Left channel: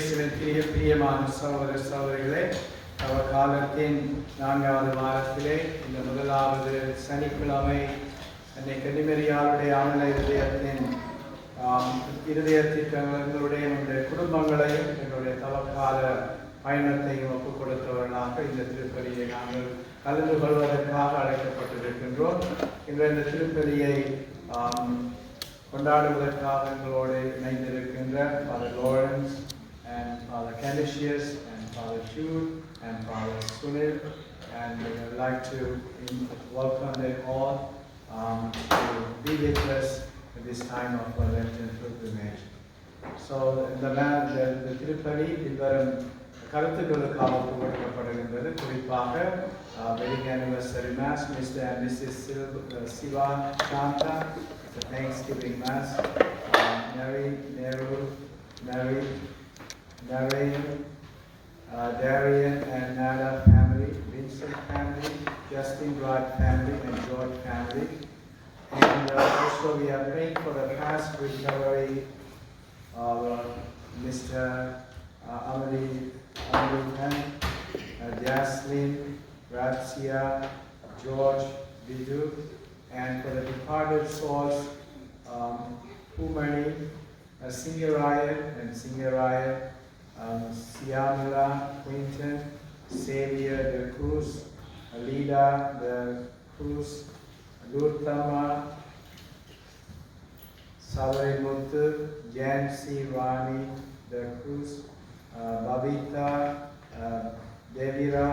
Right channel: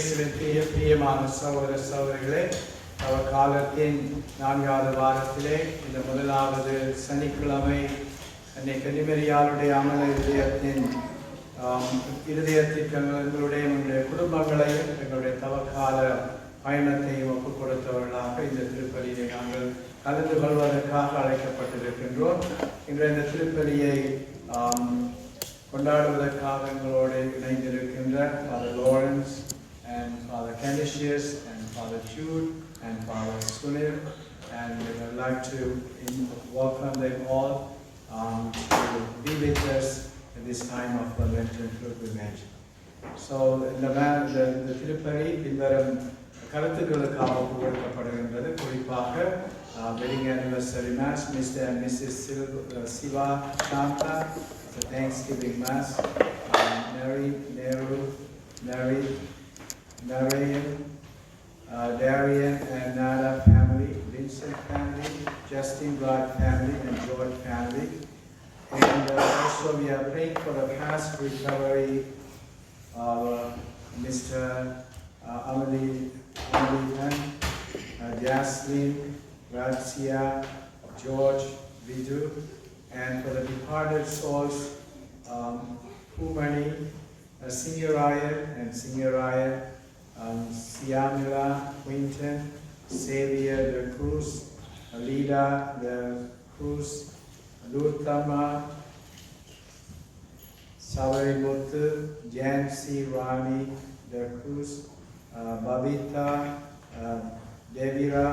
இயேசுவின் பிரியமான சகோதர சகோதரிகளே, காலத்தின் 4வது வாரத்திலே இந்த முதலாவது சனிக்கிழமை அன்னை கன்னிமரியாளுடைய அமல இருதயத்தின் எங்களுடைய குடும்பங்களையும் எங்களுடைய தவக்கால பயணத்தையும் ஒப்புக் கொடுத்தவர்களாக இந்த திருப்பலியை நாங்கள் கலந்து கொள்வதற்காக அழைக்கப்பட்டிருக்கின்றோம். இந்த திருப்பலியை கொண்டாடுவதற்காக எங்களோடு இணைந்திருக்கின்ற Father Lawrence and Father Canisius and Father Jude and Father Sunil, and we would like to welcome them all to be with us in this time of Lenten pilgrimage. So the திருப்பலி பின்வரும் கருத்துக்களுக்காக கொடுக்கப்படுகின்றது. குறிப்பாக wedding anniversary mass, Mr. and Mrs. Siva Shanta, the Thanksgiving mass, Darian and Nada family, Vincent family, Justin Wright family, and George family. And also we are praying for the fast recovery of Mr. American, Jaslyn, Grazia, George, Vidu, and for the departed souls, Humani, Singaraya and Singaraya, Siamila, Quinton, Xavier de Cruz, Alida de Cruz, Lurtama, Savarimutu, Jan C. Rani de Cruz, Babita, Devira,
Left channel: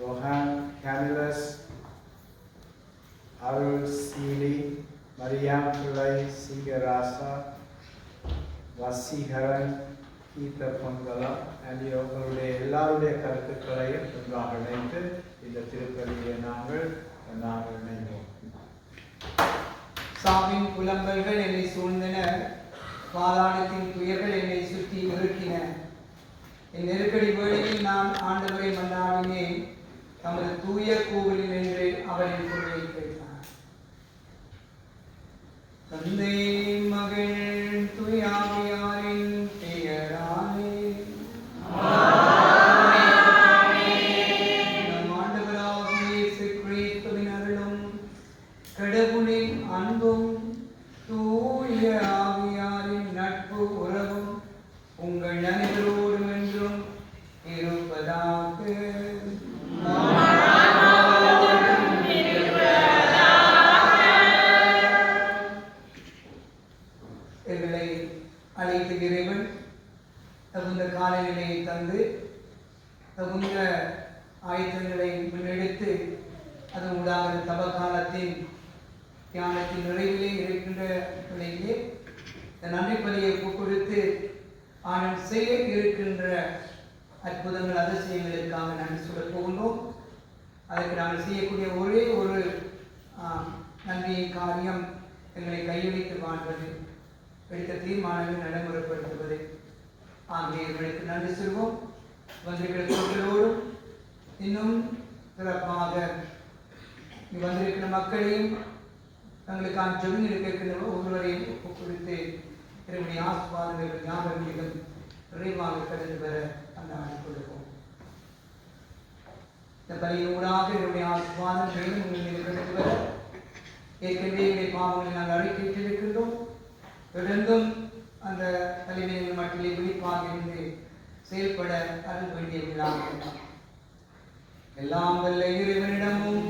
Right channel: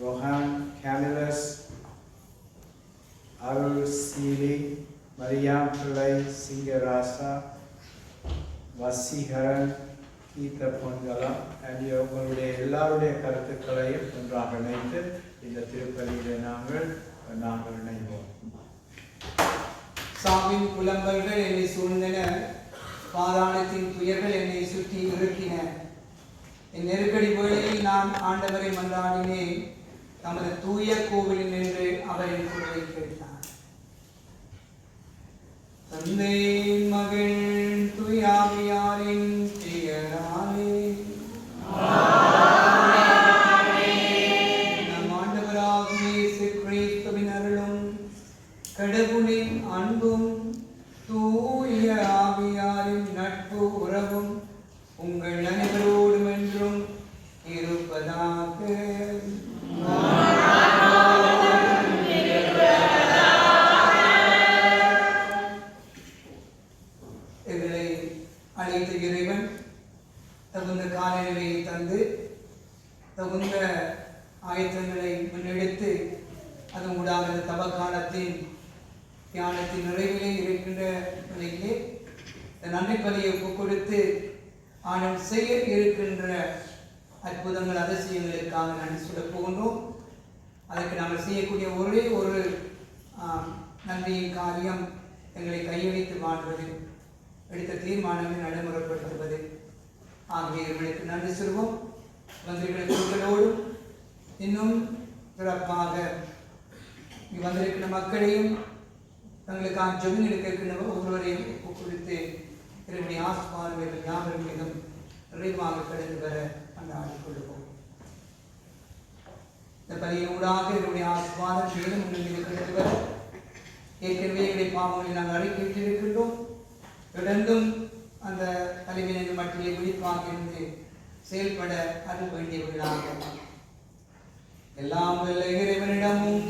Rohan, Camillus, Arul Seely, Mariam Pillai, Singarasa, Vasiharan, Keitha Pongala, and உங்களுடைய எல்லாருடைய கருத்துக்களையும் ஒன்றாக இணைத்து இந்த திருப்பலியிலே நாங்கள் இணைவோம். சாவின் புலம்பல்கள் என்னை சூழ்ந்தன, பாதாளத்தின் துயர்கள் என்னை சுற்றி இருக்கின. என் நெருக்கடி வேளையில் நான் ஆண்டவரை மன்றாடினேன், தமது தூய கோவிலில் நின்று அவரின் குரலை கேட்டார். தந்தை மகிழ் துயாவியாரின் பெயராலே நம் ஆண்டவராகிய இயேசு கிறிஸ்துவின் அருளும் கடவுளின் அன்பும் தூய ஆவியாரின் நட்பு உறவும் உங்கள் அனைவரோடும் என்றும் இருப்பதாக. எங்களை அழைத்த இறைவன் தகுந்த காலநிலையை தந்து தகுந்த ஆயத்தங்களை முன்னெடுத்து அதன் ஊடாக தவ காலத்தின் தியானத்தின் நிறைவிலே இருக்கின்ற நிலையிலே இந்த நன்றி பலியை கொடுத்து ஆனால் செய்ய இருக்கின்ற அற்புதங்கள் அதிசயங்களுக்காக நன்றி சொல்ல போகின்றோம். அதற்கு நாங்கள் செய்யக்கூடிய ஒரே ஒரு நன்றியின் காரியம் எங்களை கையளித்து வாழ்வது, எடுத்த தீர்மானங்களை நடைமுறைப்படுத்துவது. ஆகிய எங்களுக்கு நன்றி சொல்வோம். வந்திருக்கிற குழுக்களோடும் இன்னும் சிறப்பாக வந்திருக்கிற மக்களையும் தங்களுக்கான ஜெபங்கள் கேட்கின்ற ஒவ்வொருவரையும் ஒப்புக்கொடுத்து என்னுடைய ஆஸ்பாதங்கள் ஞாபகம் மீதும் நிறைவாக கடந்து வர அன்றாடிக் கொள்வோம். இந்த பலியூடாக என்னுடைய ஆஸ்பாதம் மேலும் உங்கள் மீது கடந்து வர ஏற்கனவே என்னுடைய பாவங்களை நாங்கள் அறிக்கையிட்டிருக்கின்றோம். தொடர்ந்தும் அந்த பலிவினை மட்டிலே விழிப்பாக இருந்து செயல்பட அருள் வேண்டியவர்களாக எல்லாம் வல்ல இறைவனிடமும்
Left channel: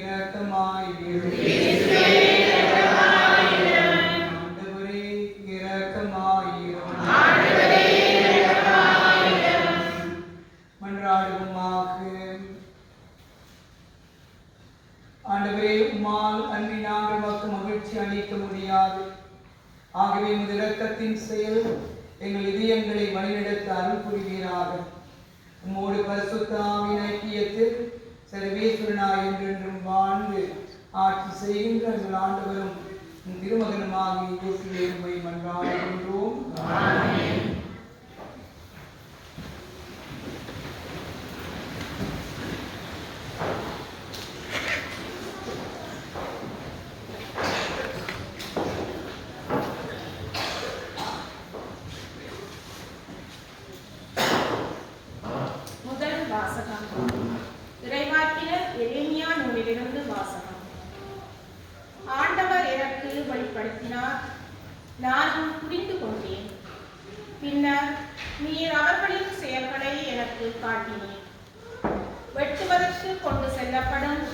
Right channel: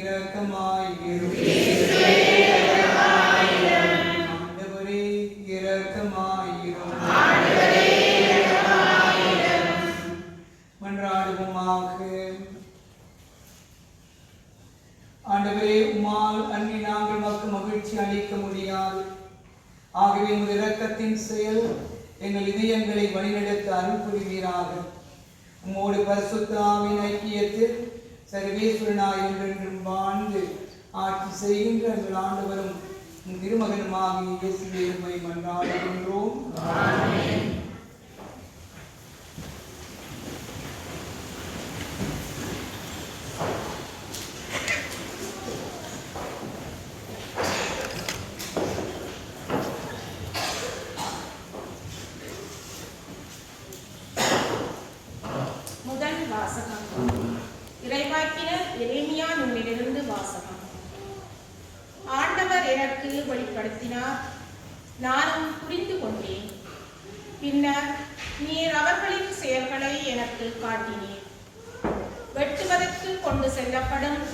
இரக்கமாயிரும். அளிக்க முடியாது. ஆகவே இந்த இரக்கத்தின் செயல் எங்கள் இதயங்களை வழிநடத்த அருள் புரிவீராக. உம்மோடு பரிசுத்த ஆவியின் ஐக்கியத்தில் சர்வேஸ்வரனாய் என்றென்றும் வாழ்ந்து ஆட்சி செய்கின்ற எங்கள் ஆண்டவரும் திருமகனுமாகிய இயேசுவே உம்மை மன்றாடுகின்றோம். ஆமென். முதல் வாசகம். இறைவாக்கினர் எரேமியா நூலிலிருந்து வாசகம். ஆண்டவர் எனக்கு வெளிப்படுத்தினார், நானும் புரிந்து கொண்டேன். பின்னர் நீர் அவர்களின் செயல்களை எனக்கு காட்டினீர். வெட்டுவதற்கு கொண்டு செல்லப்படும்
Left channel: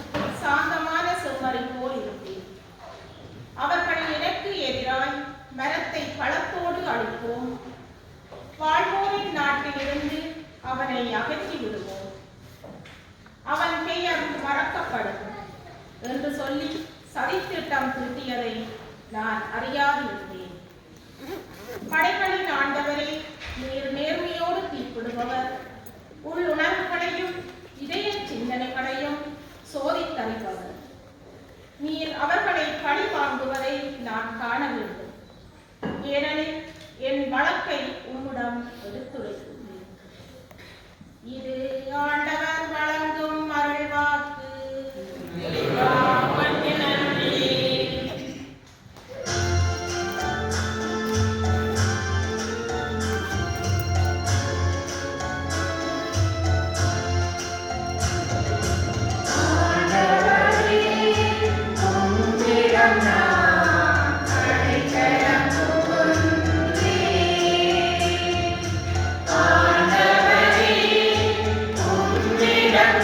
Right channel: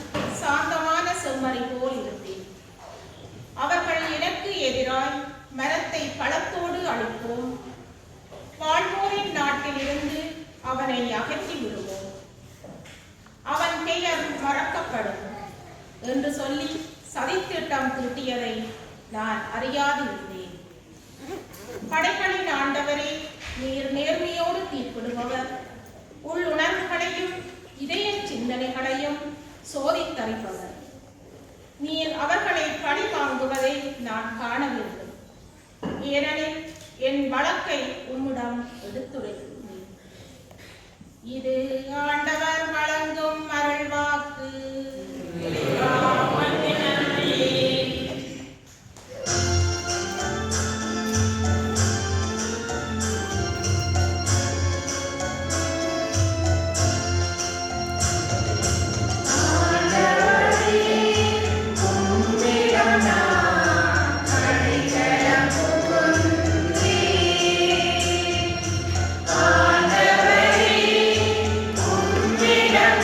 சாந்தமான செம்மறி போல் இருந்தேன். அவர்கள் எனக்கு எதிராய் மரத்தை பழத்தோடு அழிப்போம், வாழ்வோரின் நாட்டிலிருந்து அவனை அகற்றி விடுவோம், அவன் பெயர் மறக்கப்படும் என்று சொல்லி சதித்திட்டம் தீட்டியதை நான் அறியாதிருந்தேன். படைகளின் ஆண்டவரே, நீர் நேர்மையோடு தீர்ப்பிடுபவர், உள்ளுணர்வுகளையும் இதய சிந்தனைகளையும் சோதித்தறிப்பவர். நீர் அவர்களை பழி வாங்குவதை நான் காண வேண்டும், ஏனெனில் என் வழக்கை உம்மிடம் எடுத்துரைத்துள்ளேன். இது ஆண்டவர் வழங்கும் அருள்வாக்கு. Freedom.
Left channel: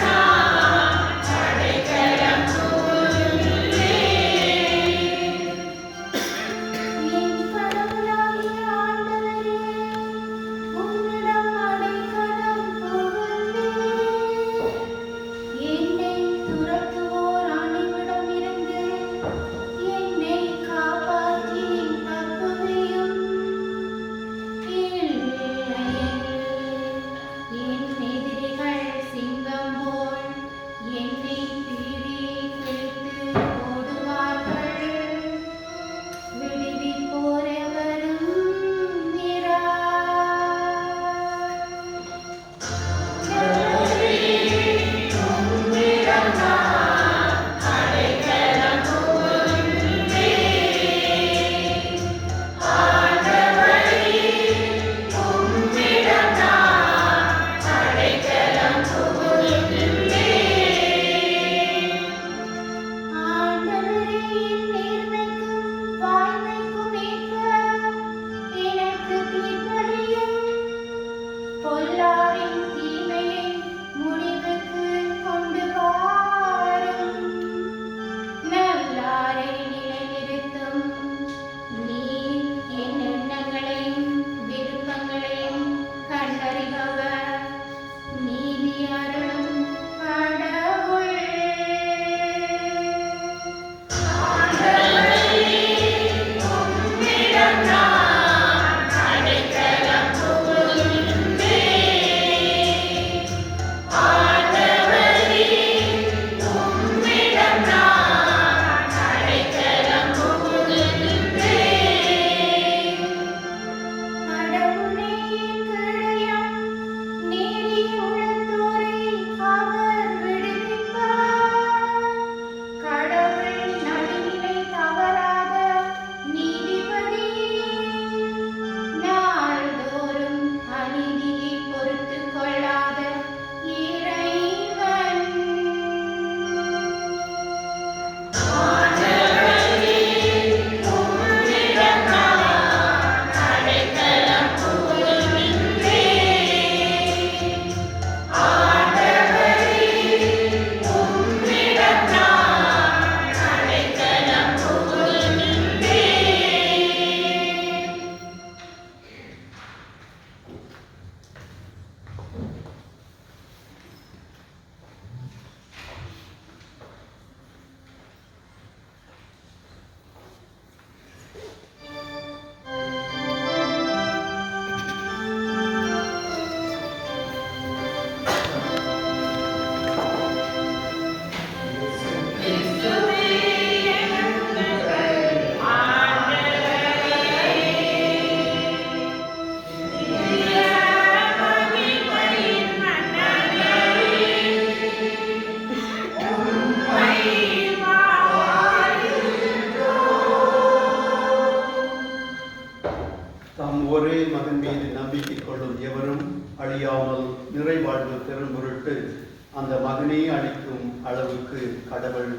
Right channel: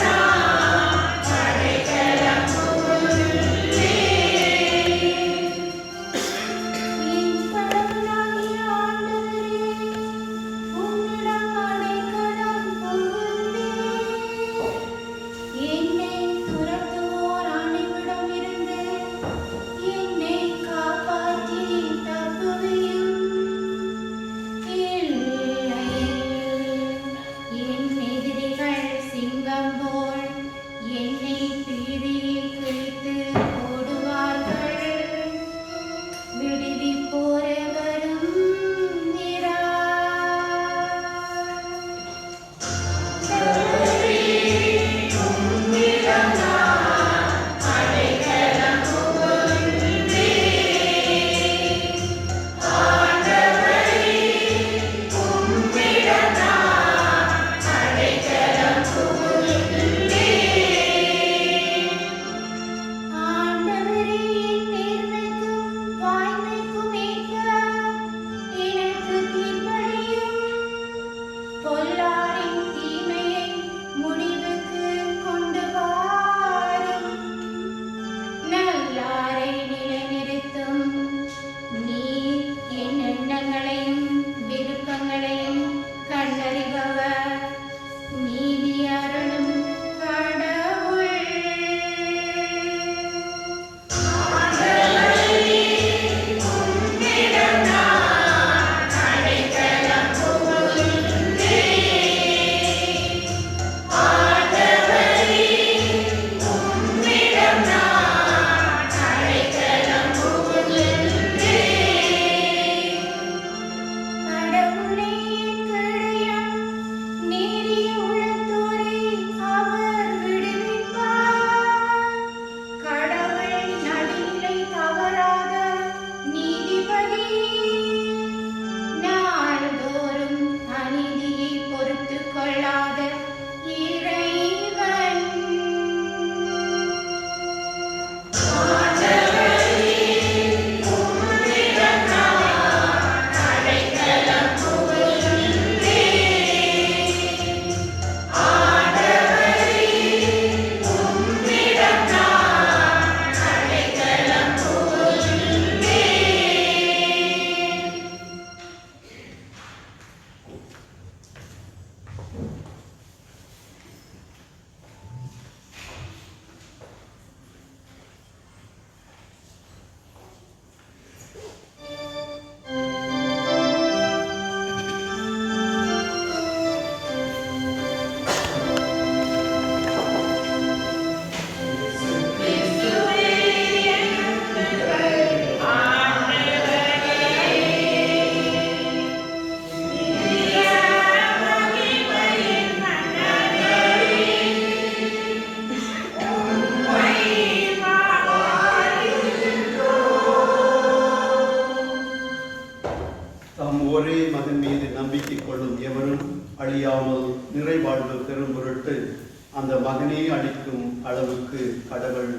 இருக்கும் அளவுக்கு கடவுள்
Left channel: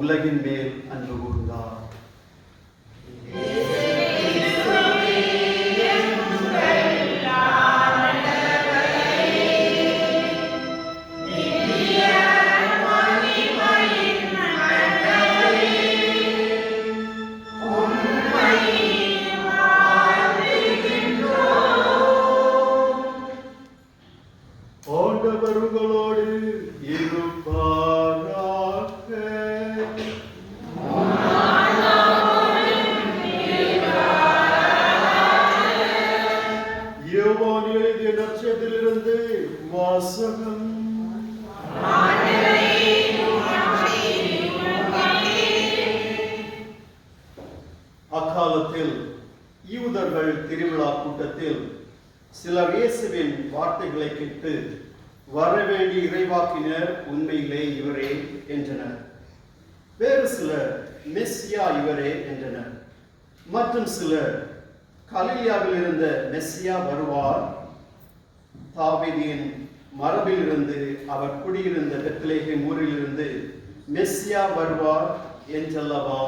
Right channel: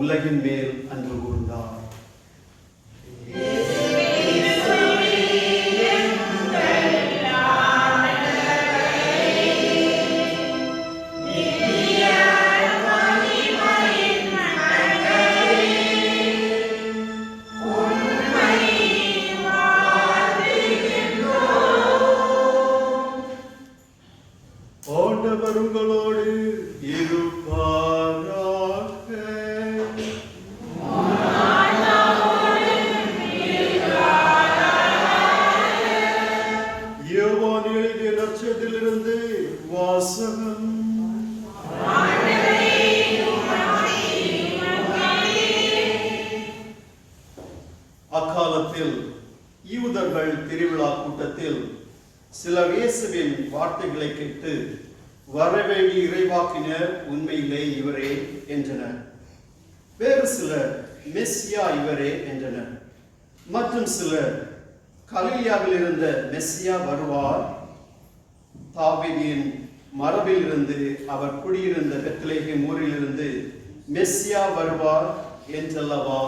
உலகின் மேல் அன்பு கூர்ந்தார். ஆண்டவர் உங்களோடு இருப்பாராக. யோவான் எழுதிய நற்செய்தியிலிருந்து வாசகம். அக்காலத்தில் யூதர்கள் திருவிழா கூட்டத்தில் சிலர் இயேசுவின் வார்த்தைகளை கேட்டு வரவேண்டிய இறைவாக்கினர் உண்மையிலே இவரே என்றனர். வேறு சிலர் மெஸ்ஸியா இவரே என்றனர். மற்றும் சிலர் கலிலியாவில் இருந்த மெஸ்ஸியா வருவார், தாவீதின் மரபில் இருந்து அவர் குடியிருந்த பெத்லகேம் ஊரிலிருந்து மெஸ்ஸியா வருவார் என்றல்லவா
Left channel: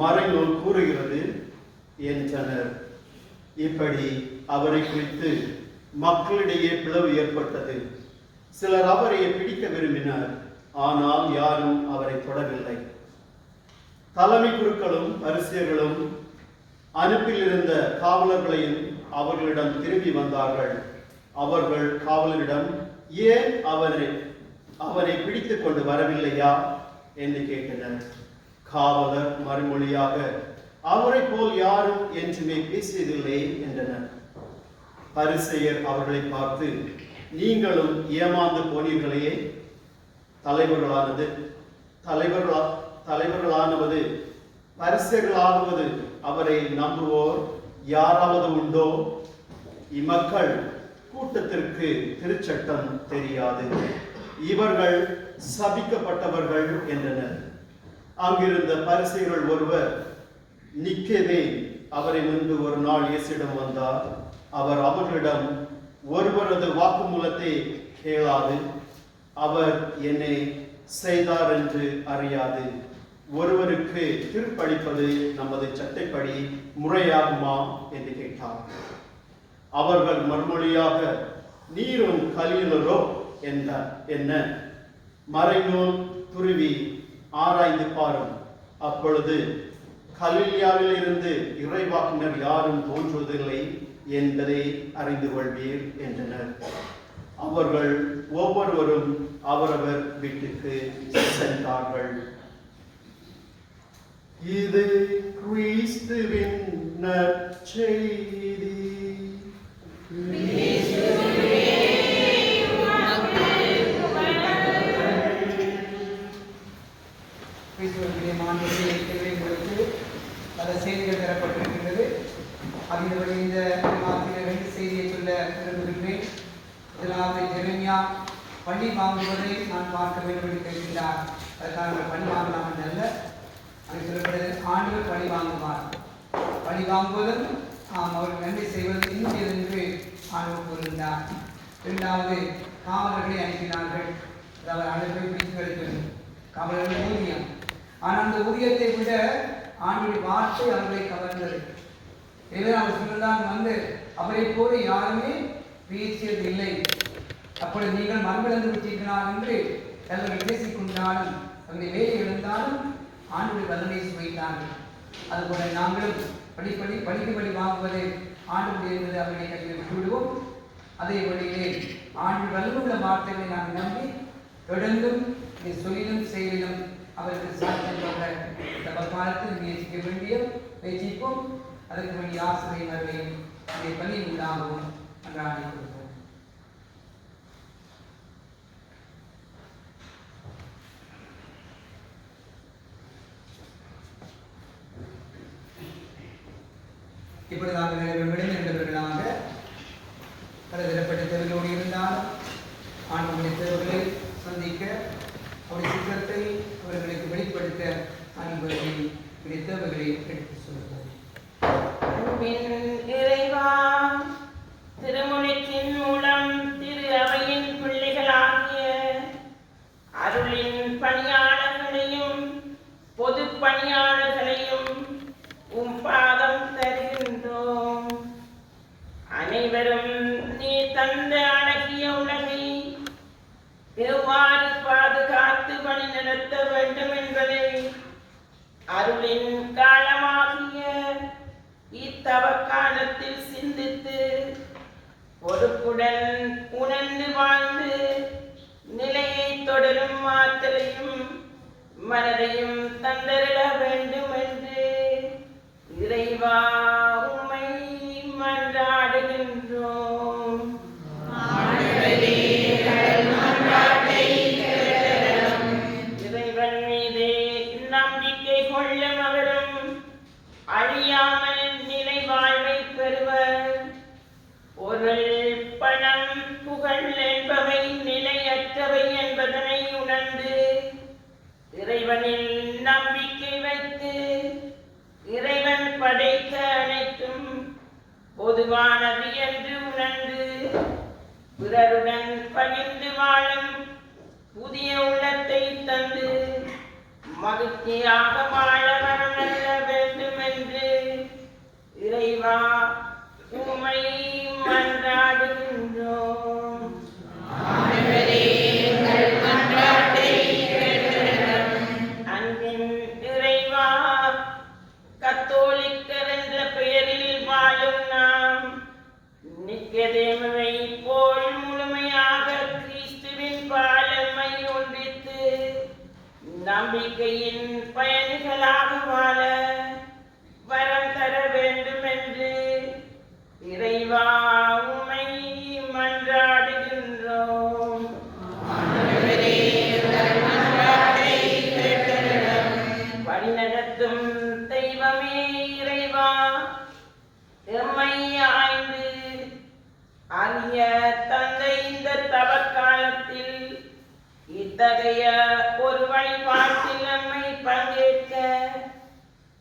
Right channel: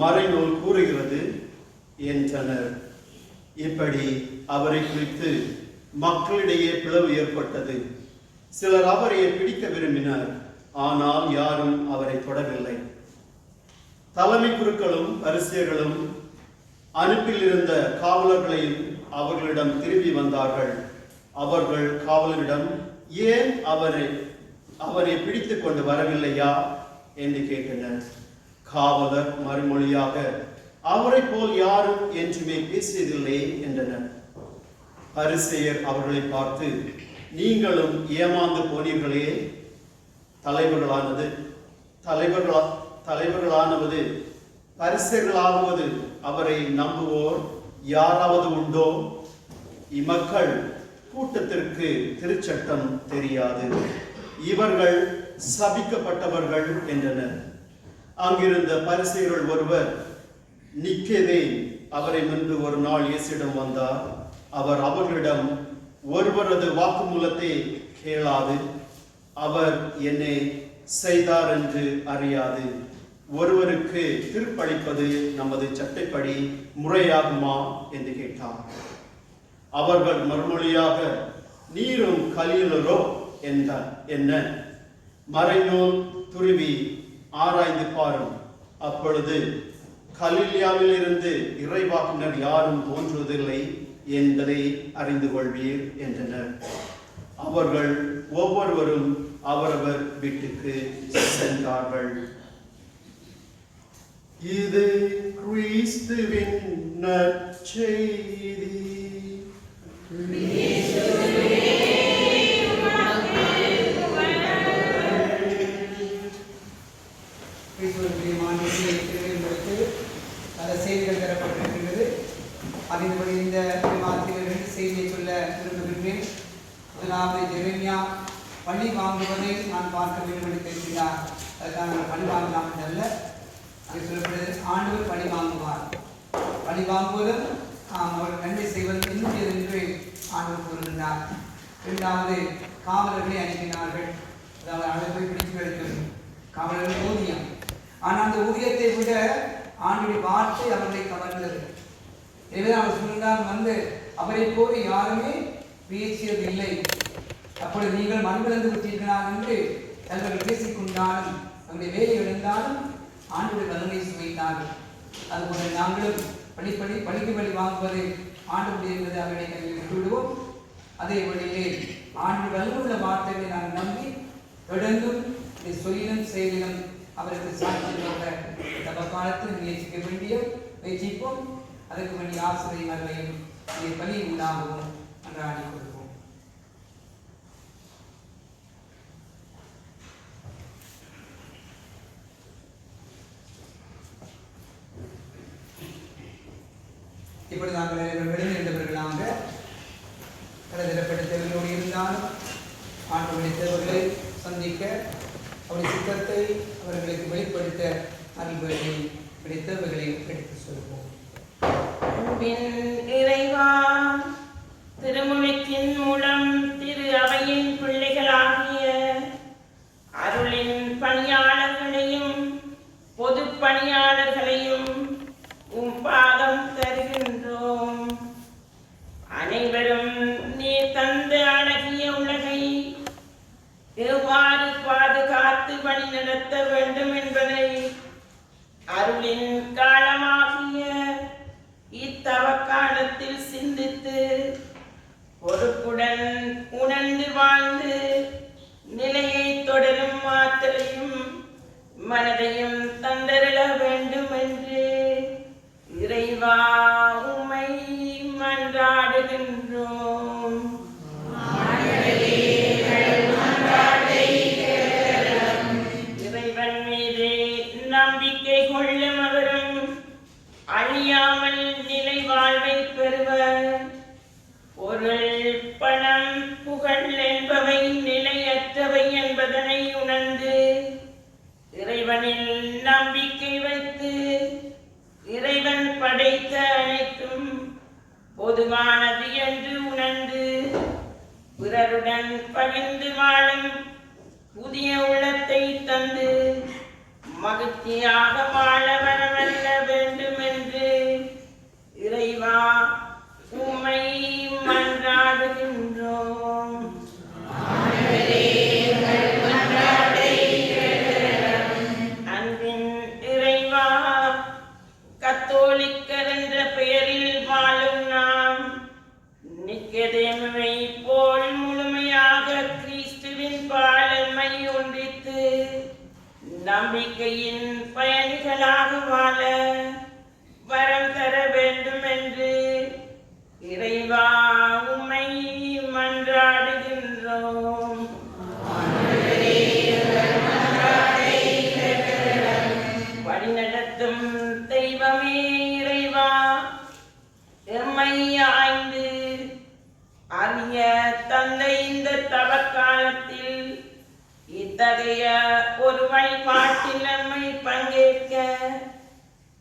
மறைநூல் கூறுகிறது என்றனர். இப்படி அவரை குறித்து மக்களிடையே பிளவு ஏற்பட்டது. சிலர் அவரை பிடிக்க விரும்பினர், ஆனால் யாரும் அவரை தொடவில்லை. தலைமை குருக்களும் பரிசேயர்களும் அனுப்பில் இருந்த காவலர்களையும் அவர்களிடம் திரும்பி வந்தார்கள். அவர்கள் காவலரிடம், ஏன் அவரை பிடித்துக் கொண்டு வரவில்லையா என்று கேட்டனர். காவலர் மறுமொழியாக, அவரை போல் யாரும் என்றுமே பேசியதில்லை என்றனர். பரிசேயர் அவர்களை பார்த்து, நீங்களும் ஏமாந்து போனீர்களே. தலைவர்களானவது பரிசேயர்களாவது அவரை நம்புவோர் யாராவது உண்டோ? இம்மக்கள் கூட்டத்திற்கு திருச்சட்டம் தெரியாது, இவர்கள் சபிக்கப்பட்டவர்கள் என்றனர். அங்கிருந்த பரிசேயர்கள் ஒருவர், நிக்கதே, அவரை முன்பு ஒரு நாள் இயேசுவிடம் வந்தார். அவர் அவர்களிடம், ஒருவரது வாக்குமூலத்தை கேளாது அவர் என்னை செய்தார் என்று அறியாது ஒருவருக்கு தீர்ப்பளிப்பது நமது சட்டப்படி முறையாகுமா என்று கேட்டார். அவர்கள் மறுமொழியாக, நீரும் கலிலரோ என்ன மறைநூல் துருவி ஆராய்ந்து பாரும், அப்பொழுது கலிலியாவில் இருந்து இறைவாக்கினர் யாரும் தோன்றுவதில்லை என்பதை அறிந்து கொள்வீர் என்றனர். அவர்கள் ஒவ்வொருவரும் அவரவர் வீட்டுக்கு சென்றார்கள். இது கிறிஸ்துவின் நற்செய்தி. பல செய்திகள் தரப்பட்டிருக்கிறது. அதன்படி இந்த வார்த்தையில் 2 செய்தியை சொல்ல விரும்புகின்றேன். முதலாவது, எரேமியா பழி வாங்குவதை நான் பார்க்க வேண்டும் என்று தெரிவித்தார். அதற்காக பழி வாங்கலாம் அல்ல, அது சொல்லப்படுது, ஆண்டவர் பழி வாங்குவார். பழி வாங்குவதும் அவர்கள் நன்மை செய்வது இன்னும் என்று ஆண்டவர் கூறுகின்றார். 2வது, காவலர்களை அனுப்பினார்கள். அதாவது அழைப்பை பிடித்து வைத்தது காவலர்கள் ஊதியம். ஆனால் அந்த ஊதியத்தை விட ஆண்டுடைய வார்த்தை அவர்களை கவர்ந்தது. எனவே அவர் சொல்லுதான், அவரை போல யாருமே பேசியதில்லை. அப்பொழுது நீங்கள் மண்பிழந்து விட்டீர்களால் என்று அவர்கள் பேசிக்கொண்டாலும் அவருடைய வேலை இழந்தாலும் ஆண்டுடைய தண்டனை சுவைத்தார்கள். அதுபோல நாங்களும் படிக்கு படி வாங்குவது ஆண்டுடைய என்பது அவர்களை கையில் விட்டுவிடுவோம். அதே வழியிலே ஆண்டு வல்லுள்ள வார்த்தைகளை நாங்கள் நம்பி தொடர்ந்தும் சொல்லிலும் செயலிலும் அவருக்கு சாட்சியம் இந்த காலத்தில் முயற்சிக்க வேண்டிய முயற்சிப்போம். அதற்கு வேண்டிய ஆசிரியர்களையும் இதை பணி உண்டாகவும் அன்றாடி கொடுப்போம். இப்பொழுது நாங்கள் விடைநின்றவர்களாக பலதரப்பட்ட தொழிலோடு இருந்தாலும் ஆண்டுடைய தேர்வுகளை சந்திக்க அவருடைய சித்தத்தை அவர்களுக்கு வெளிப்படுத்த நண்பர்களை பிடித்தவர்களை எடுத்து சொல்வோம். இறைவா, திருமுழுக்கின் மூலம் திரு அவையின் பிள்ளைகளாகிய அருள் பணியாளர்களையும் பொது பணியாளர்களையும் உம் பாதம் தருகின்றோம். அனைவரும் நீ தந்த அழகிய உலகை எவ்வாறு பாதுகாத்து வழி நடத்த வேண்டும் என்பதை அருளின் காலமாகிய இத்தவ காலத்தில் சிந்தித்து பொறுப்புடன் உணர்ந்து வாழ்ந்து நிலையை தொடரும் ஆற்றலையும் மனதையும் தந்தருள வேண்டும் என்று இறைவா உம்மை மன்றாடுகின்றோம். இறைவன் மீது நம்பிக்கை கொள்ளும் அவரும் அழியாமல் நிலை வாழ்வை பெறுவர். பொருள் பணம் புகழ் என்பவை நிலையற்றவை என்பதனை உணர்ந்து இறைவனில் நம்பிக்கை வைத்து இறைவன் படைத்த அனைத்தும் பொதுவானது என்று உணர்ந்து பிறருடன் பகிர்ந்து வாழும் புதிய உள்ளத்தை தந்து மகிழ்ச்சியாக வாழ வரவல்ல வேண்டும் என்று இறைவா உம்மை மன்றாடுகின்றோம். அன்பின் இறைவா, கத்தோலிக்கர் என்ற பெயரில் வாழும் நாம் நிக்கதேமுவை போல் முழுமையாக கிறிஸ்துவின் பாலமை ஒன்றித்து நம்பிக்கையின் பயணிகளாக வாழ வரம் தர வேண்டும் என்று இறைவா உம்மை மன்றாடுகின்றோம். வழிநடத்தும் தெய்வமே இறைவா, எம்மை ஆய்ந்து அறிய தந்த இந்த தவக்காலத்தில் இத்தகைய ஒரு வழிபாட்டில் நம்மை பங்கேற்க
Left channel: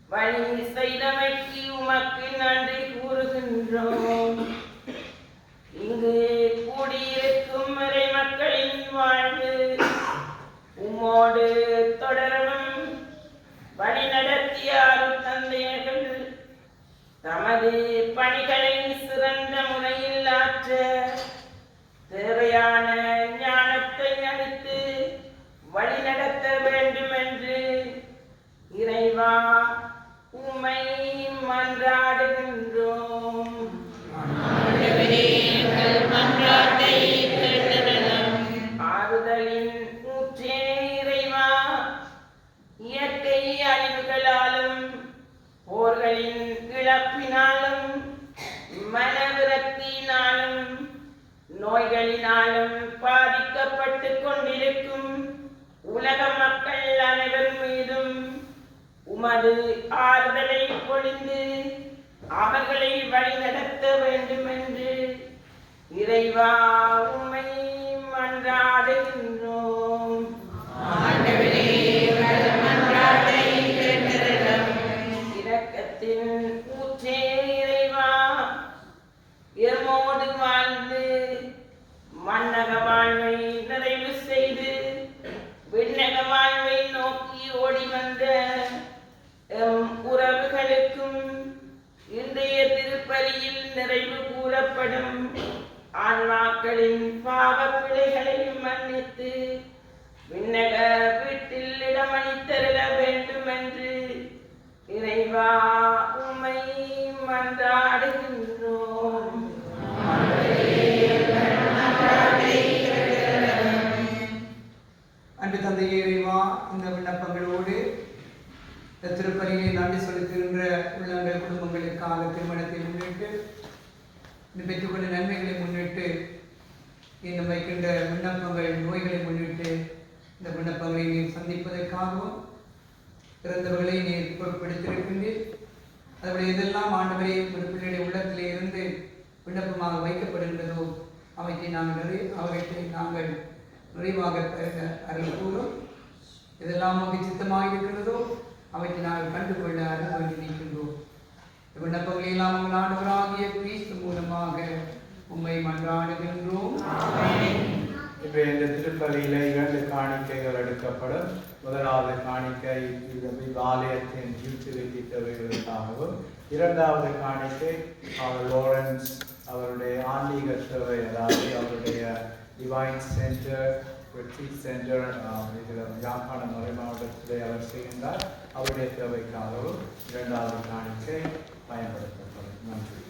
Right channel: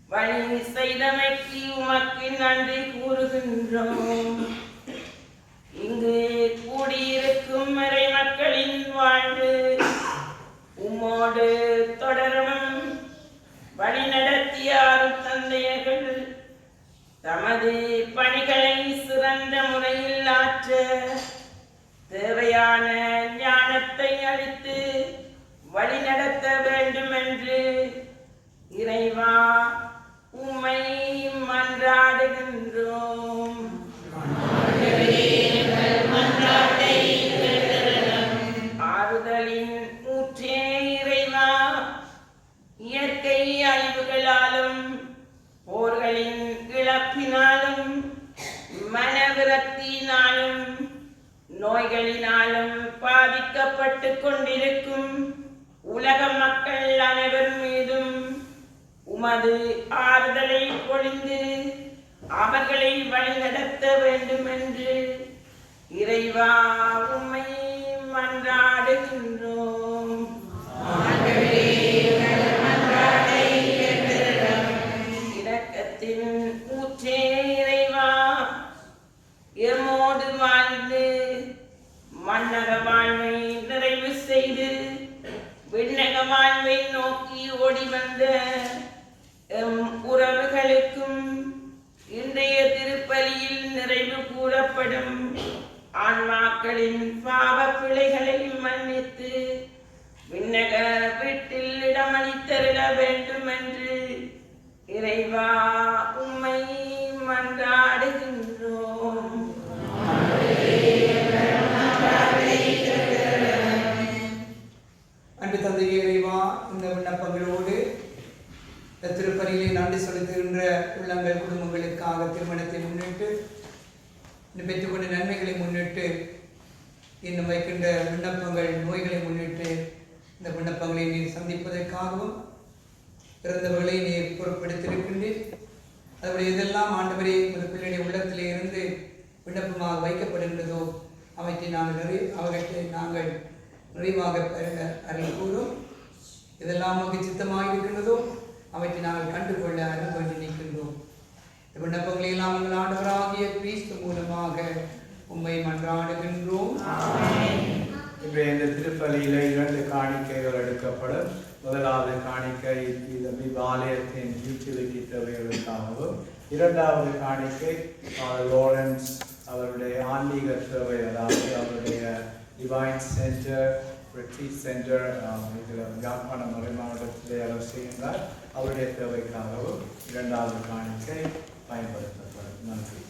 வழி செய்தமைக்கு உமக்கு நன்றி கூறுகின்றோம். இங்கு கூடியிருக்கும் மறை மக்களின் வாழ்வு உம்மோடு தொடரவும் வழி நடத்திய அருள் தந்தையர்கள் தமது பணிகளை சிறந்த முறையில் ஆற்ற தேவையான ஞானத்தை அளித்து வழி நடத்த வேண்டும் என்று இறைவா உம்மை மன்றாடுகின்றோம். ஆறுதலின் ஊற்றே இறைவா, இயற்கை அழிவுகளாலும் போர்களின் இழப்பினாலும் மனவிரக்தியினாலும் நோய்களினாலும் பாதிக்கப்பட்டு கொண்டிருக்கும் உலக மக்கள் அனைவர் மீதும் உமது ஆறுதலை பொழிந்து அவர்களை வழிநடத்த வேண்டும் என்று இறைவா உம்மை மன்றாடுகின்றோம். இரக்கத்தின் ஊற்றே இறைவா, எம்மோடு வாழ்ந்து மன்னக வாழ்வை நிறைவு செய்து விண்ணக வாழ்வை நோக்கி ஓடி வந்த எம் உறவுகளுக்கும் இன்றைய திருப்பலியில் நிறைவு கூறப்படும் ஆன்மாக்களின் பாவ பிழைகளை மன்னித்து விண்ணக வீட்டில் இடமளித்தருள வேண்டும் என்று இறைவா உம்மை மன்றாடுகின்றோம். அன்று தந்தையே இறைவா, இந்த விண்ணப்பங்களோடு திருப்பலியை நன்றி செலுத்துகின்ற உள்ளங்கள் குடும்பங்களுக்காக திருமணத்தை முன்னிட்டு பெற்றுக்கொண்ட நன்மைகளை முன்னிட்டு இன்னும் வைக்கின்ற விண்ணப்பங்கள் நோய்களை முன்னிட்டு இந்த விண்ணப்பங்களை நீர் சந்திப்பதற்காகவும் பிறந்தவர்களை நீர் பொறுப்படுத்தியிருக்கின்றீர். அதனுடைய எதெல்லாம் ஆண்டவரே ஒரு பிள்ளையுடைய உள்ளத்திலே இருந்து விண்ணப்பமாக வைக்கப்படுகின்றதோ அவற்றை நாங்கள் நிறைவாக அருள் கூறும். இதெல்லாம் நமக்கு சித்தமாக இருக்கின்றதோ அவற்றை நாங்கள் கண்டுகொள்ள அருள் வேண்டி நிற்கின்றோம். விண்ணப்பங்களை எல்லாம் உங்கள் ஆண்டவராகிய கிறிஸ்து மூலமாக உம்மை மன்றாடுகின்றோம். இன்றைய இந்த திருப்பலியில 2 காணிக்கைகள் எடுக்கப்படும். முதலாவது காணிக்கை ஆலயத்தின் யூட்டிலிட்டி தேவைகளுக்காகவும், இரண்டாவது காணிக்கை லாரன்ஸ் அவருடைய ஆன்மீக தேவை, அதாவது அவருடைய டிவைன் சென்டர் ரிட்ரீட் சென்டர் இதில் யாழ்ப்பாணம் மறைமாவட்டத்திலே அவர் செய்கின்றார். அவருடைய தேவைக்காகவும் இரண்டாவது காணிக்கை பயன்படுத்தப்படும். நன்றி.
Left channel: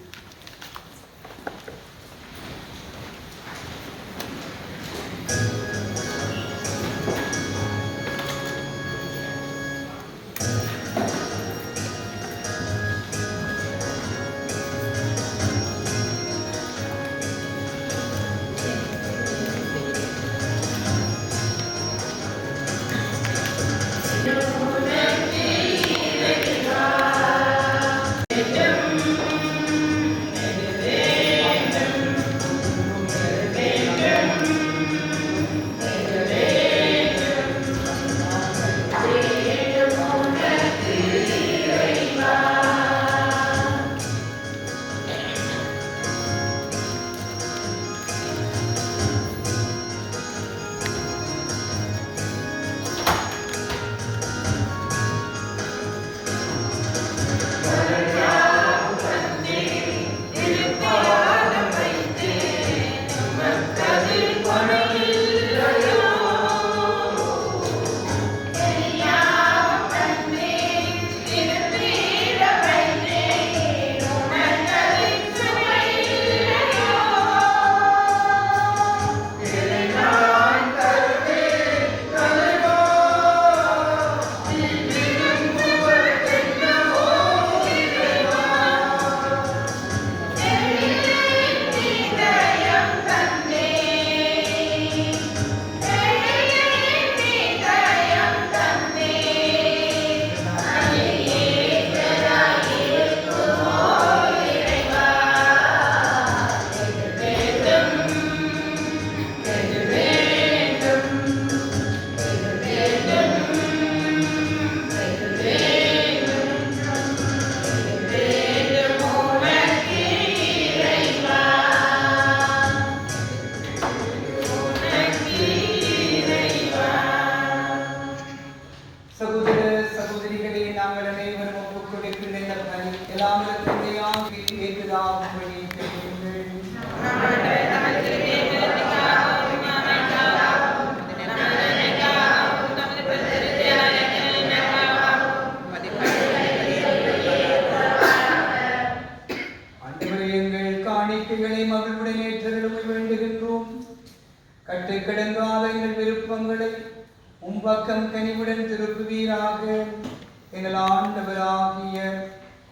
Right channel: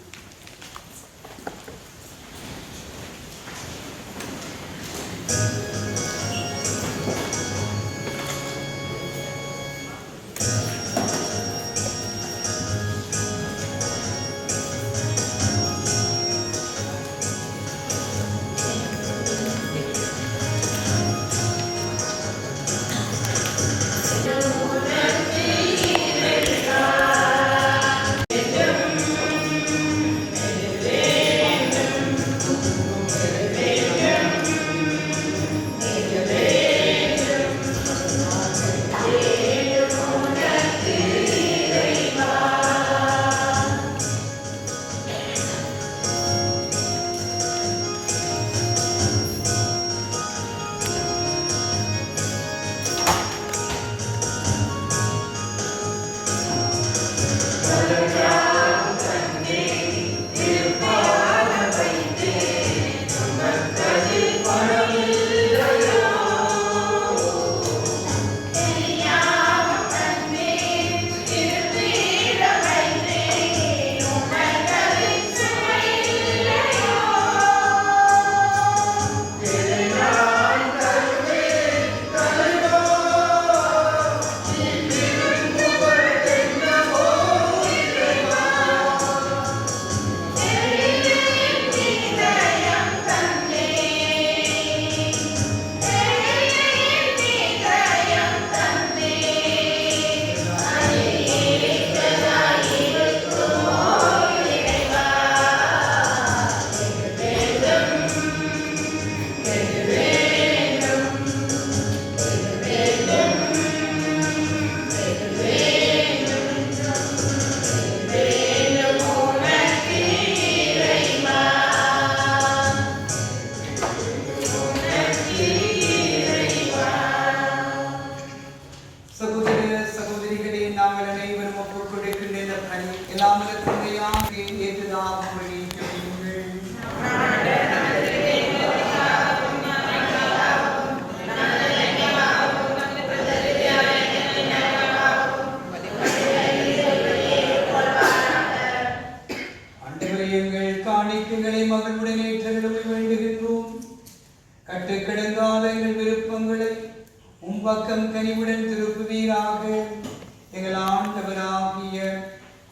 பக்கம் கனிவுடன் திருப்புவீராக. எங்கள் ஆண்டவராகிய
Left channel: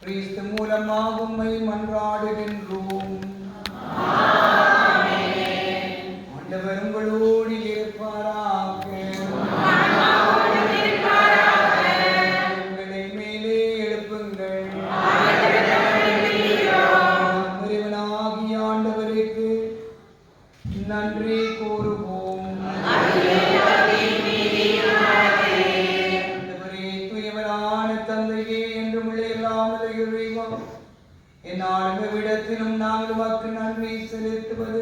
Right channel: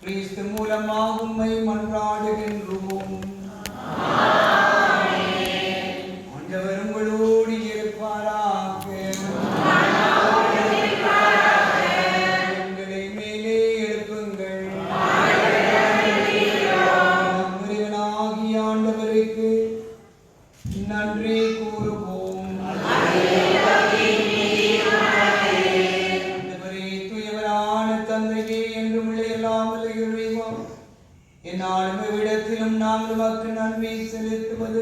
கிறிஸ்து மூலமாக உம்மை மன்றாடுகின்றோம். ஆண்டவர் உங்களோடு இருப்பாராக. எங்களை மேலே எழுப்புங்கள். இறைவனாகிய ஆண்டவருக்கு நன்றி கூறுவோம். எந்நாளும் நாங்கள் வாக்கு நன்றி செலுத்துவது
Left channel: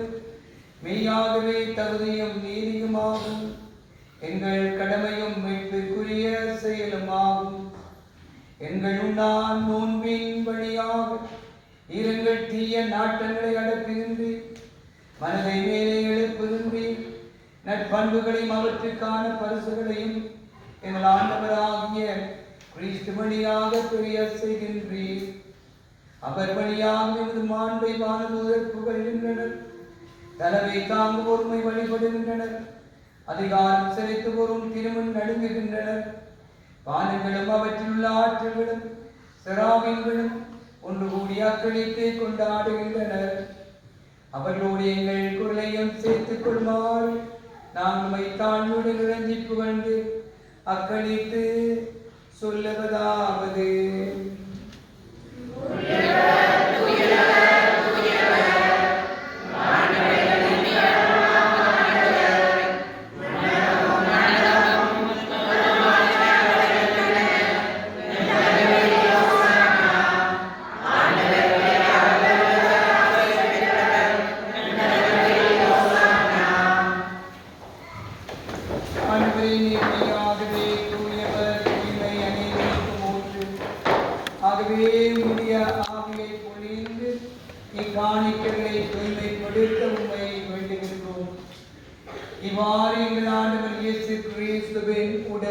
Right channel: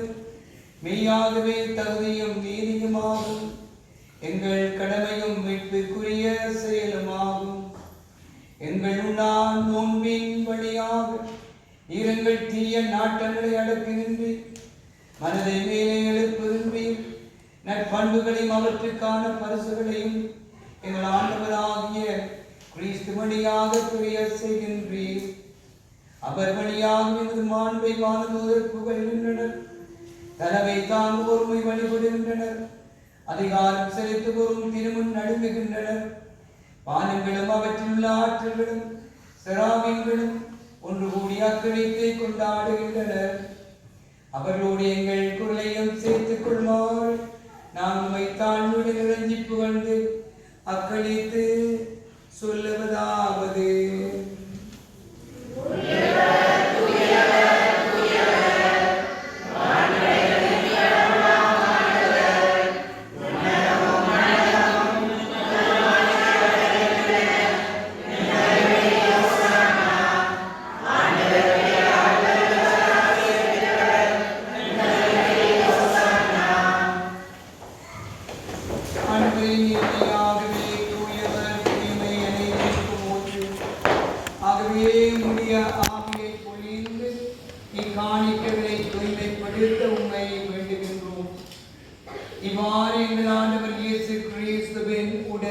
மெய்யாகவே தகுதியும் நீதியுமாகும். எங்கள் கடமையும் மீட்புக்குரிய செயலுமாகும். எங்கள் உண்டான் நோன்பின் வழியாக இருங்கள் தீய நாட்டங்களை அடக்குகின்றீர். மனதை மேலே எழுப்புகின்றீர். நற்பண்புகளையும் அவற்றுக்கான பரிசுகளையும் எங்கள் ஆண்டவராகிய கிறிஸ்து வழியாக புரிய செய்கின்றீர். அவர் வழியாக எமது மாண்பை வானதூதர் புகழ்கின்றனர். தலைமை தாங்கு ஒருமை வழிபடுகின்றனர். அதிகாரம் செலுத்துவோரும் திருமுன் நடுங்குகின்றனர். வானங்களும் அவற்றிலுள்ள ஆற்றல்களும் செராவின்களும் ஒன்று கூடி அக்களித்தை கொண்டாடுகின்றனர். அவர்களோடு எங்கள் குரலையும் சேர்த்துக் கொள்ளுமாறு நாங்கள் தாழ்வுடன் இறங்கி புகழ்ந்து அக்களித்து சொல்லுவதாவது:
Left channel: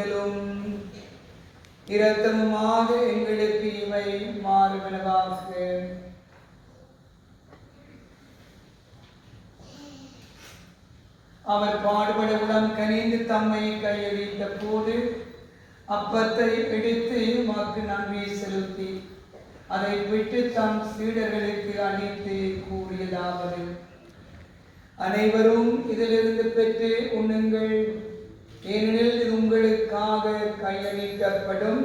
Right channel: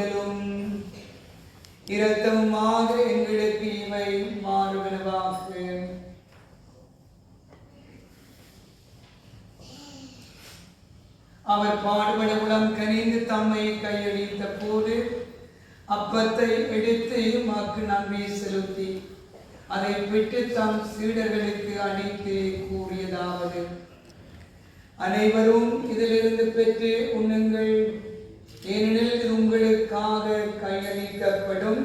ஆறுதலும் இரத்தமுமாக எங்களுக்கு இவை மாறுவனவாக. அவர் பாடுபட உளம் கனிந்து தம்மை கையளித்த போது அப்பத்தை எடுத்து உமக்கு நன்றி செலுத்தி அதை விட்டு தம் சீடர்களுக்கு அளித்து கூறியதாவது: அனைவரும் இதிலிருந்து பெற்று உண்ணுங்கள், ஏனெனில் இது உங்களுக்காக கையளிக்கப்படும்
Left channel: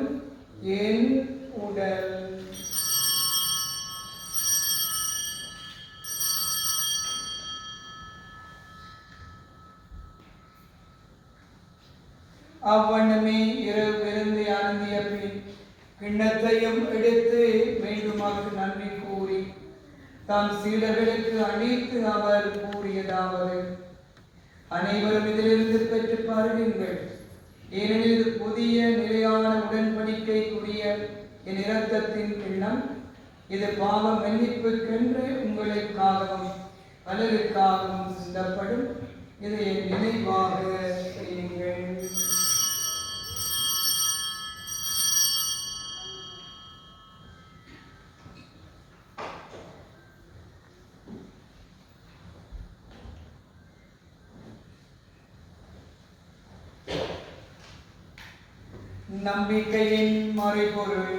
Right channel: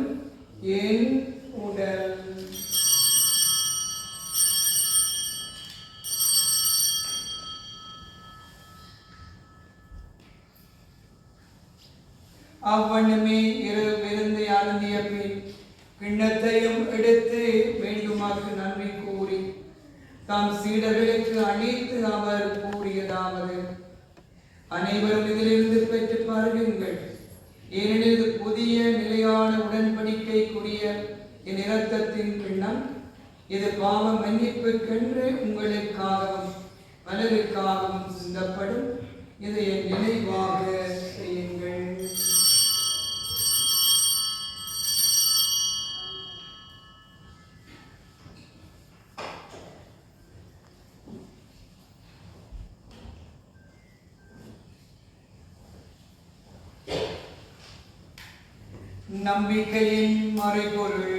என் உடல். அவ்வண்ணமே இரவு விருந்தை அருந்திய பின் கிண்ணத்தையும் எடுத்து மீண்டுமாக்கு நன்றி கூறி தம் சீடர்களுக்கு அளித்து அவர் கூறியதாவது: அனைவரும் இதிலிருந்து பெற்று பருகுங்கள், ஏனெனில் இது புதிய நிலையான உடன்படிக்கைக்குரிய என் இரத்தத்தின் கிண்ணம். இது பாவ மன்னிப்புக்கென்று உங்களுக்காகவும் பலருக்காகவும் சிந்தப்படும். இதை என் நினைவாக செய்யுங்கள். நம்பிக்கையின் மறைபொருள்.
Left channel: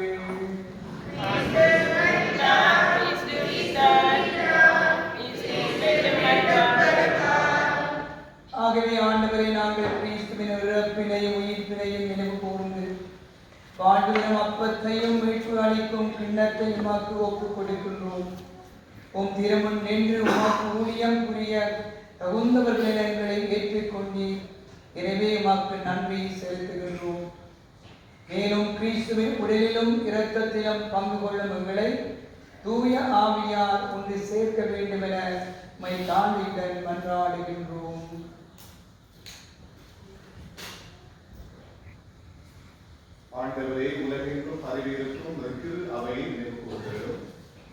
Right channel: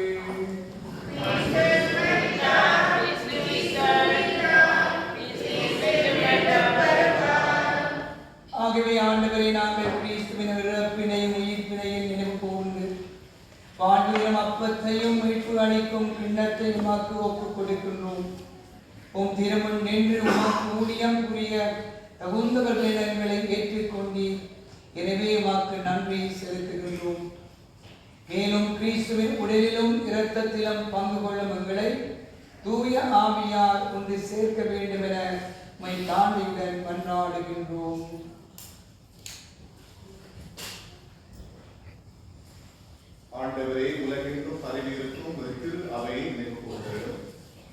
ஆகவே ஆண்டவரை நாங்கள் கிறிஸ்துவின் இறப்பினையும் உயிர்ப்பினையும் நினைவு கூர்ந்து வாழ்விலும் அப்பத்தையும் மீட்பு அளிக்கும் கிண்ணத்தையும் உமக்கு ஒப்புக் கொடுக்கின்றோம். உம் திருமுன் நின்று உமக்கு ஊழியம் புரிய தகுந்தவர்கள் எங்களை ஏற்றுக்கொண்டீர். எனவே உமக்கு நன்றி செலுத்துகின்றோம். மேலும் கிறிஸ்துவின் உடலிலும் இரத்தத்திலும் பங்கு கொள்ளும் எங்களை தூய ஆவியார் ஒன்று சேர்க்க வேண்டும் என உம்மை தாண்டியுடன் மன்றாடுகின்றோம். ஆண்டவரே, உலகெங்கும் பரவியிருக்கும் திரு அவையை நினைவு கூர்கிறோம்.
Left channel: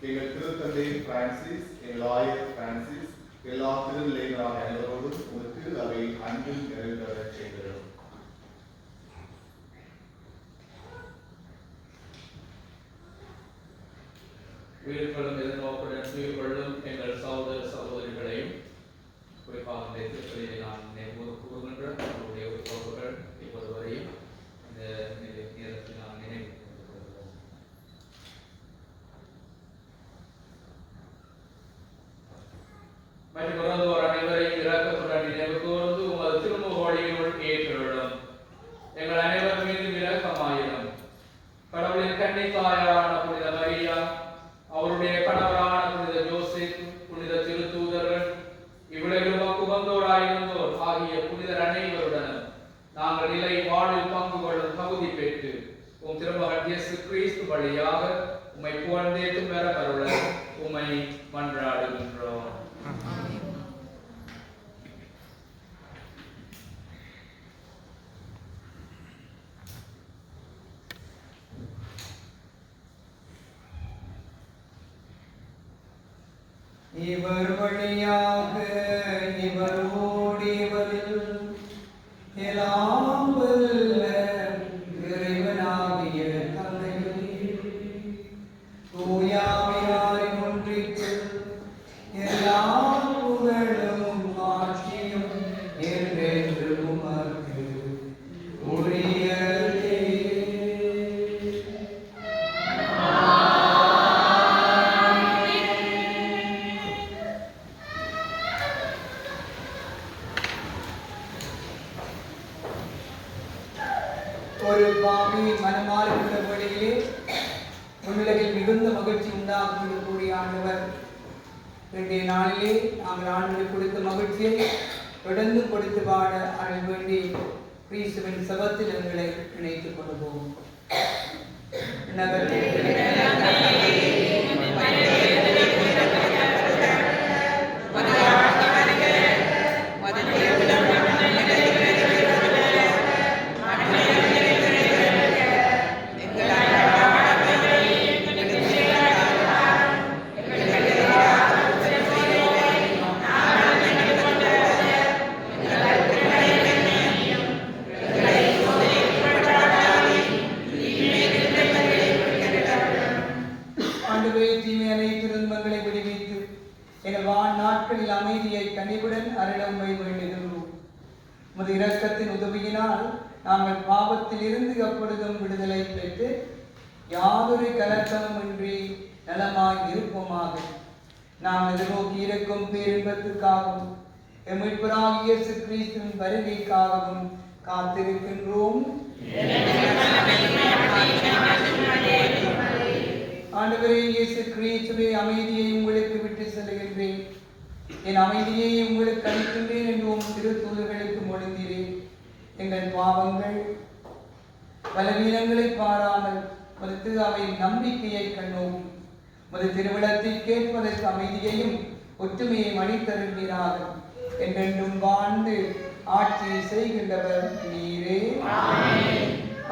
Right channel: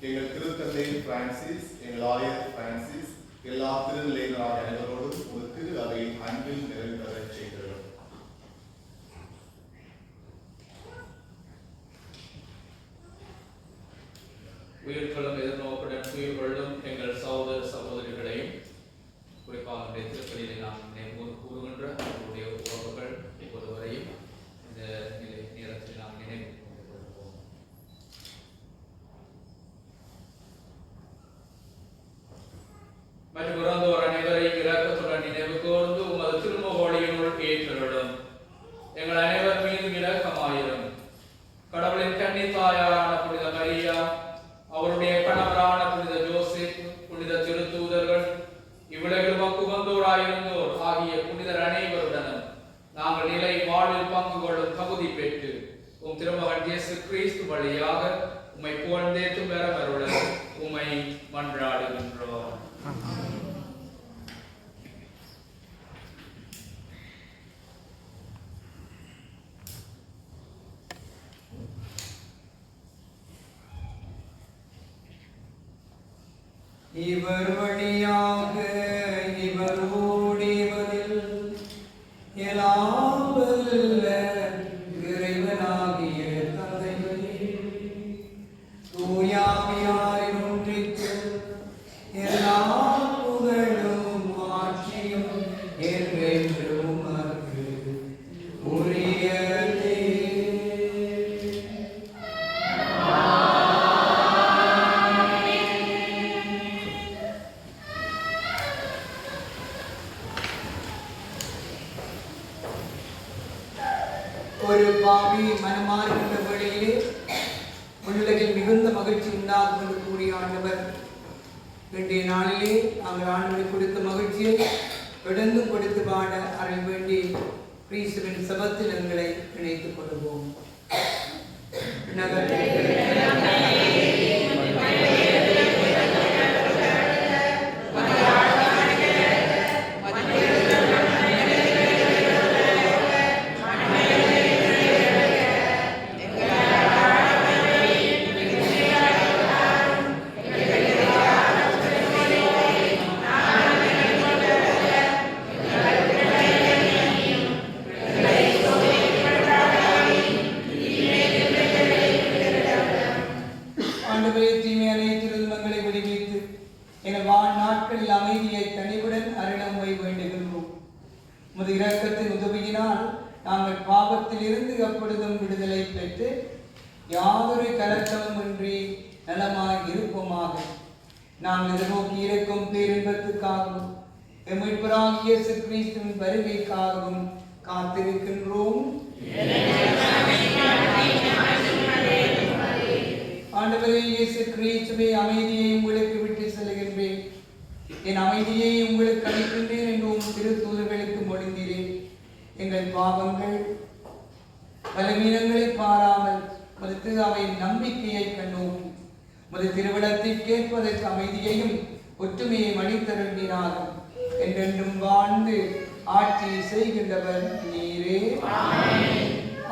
எங்கள் திருத்தந்தை பிரான்சிஸ், எங்கள் ஆயர் பிரான்சிஸ், எல்லா திருநிலையினராக அனைவரோடும் ஒரு திரு அவை அன்பில் நிறைவு பெறச் செய்கிறோம். உயிர்களும் எதிர்நோக்குடன் உயிர் கொள்ளும் எங்கள் சகோதர சகோதரிகளையும் குறிப்பாக இந்த திருப்பலியை நாம் நினைவு கூறுகின்ற அவருடைய உறவுகள் இப்போது வரையும் இந்த நேரத்தில் நாம் நினைவு கூறுகிறோம். மற்றும் இறந்தோர் அனைவரையும் இரக்கத்துடன் நினைவு கூர்ந்து உமது திருமுகவழியினுள் ஏற்றுள்ளோம். எங்கள் அனைவர் மீதும் இரக்கமாயிரும். கடவுளின் கன்னித்தாயாரான புனித மரியா, அவருடைய கணவரான புனித ஜோசப், புனித திருத்தூதர்கள், இவ்வுலகில் உகந்தோராயிருந்தோர் ஆகிய புனிதர் அனைவருடனும் நாங்கள் நிலை வாழ்வில் பங்கு கொள்ளும் தகுதி பெற்று உம் திருமகன் இயேசு கிறிஸ்து வழியாக உம்மை புகழ்ந்தேத்தும் பெறமருள உம்மை மன்றாடுகின்றோம். இவர் வழியாக இவரோடு இவரில் எல்லாம் வல்ல இறைவனாகிய தந்தையே, தூய ஆவியாரின் ஒன்றிப்பில் எல்லா புகழும் ஆட்சியும் என்றென்றும் உமக்கு உரியதே. ஒரு பாவி மனமாறுகின்ற வழியிலே உலகில் மிகுந்த மகிழ்ச்சி உண்டாகும் என்று கூறிய ஆண்டவர், இன்றைய நாளிலே நாங்கள் ஆண்டவரை கொடுத்த மகிழ்ச்சியை தொடர்ந்தும் கொடுத்து பாட அருள் வேண்டி கிறிஸ்துவின் சபத்தில் எங்களை இணைத்துக் கொள்வோம். இருந்து அப்பொழுதும் விடுதலை பெற்று யாதொரு கலக்கமின்றி நலமாய் இருப்போமாக. நாம் எதிர்நோக்கி இருக்கும் பேரின்பத்துக்காகவும் மீட்பராகிய இயேசு கிறிஸ்துவின் வருகைக்காகவும் காத்திருக்கின்றோம். ஆண்டவரே இயேசு கிறிஸ்துவே, அமைதியை உங்களுக்கு விட்டு செல்கின்றேன், என் அமைதியை உங்களுக்கு அளிக்கின்றேன் என்றும் திருத்தூதர்களுக்கு மொழிந்தீரேன். எங்கள் பாவங்கள் பலவீனங்களை பாராமல் மறுத்து அவை நம்பிக்கையை கண்ணோக்கி மது திருவிழத்தை கேட்பதற்கு அமைதியையும் ஒற்றுமையை அளித்தருள்வீராக. என்றென்றும் வாழ்ந்து ஆட்சி செய்கின்றவர் நீரே.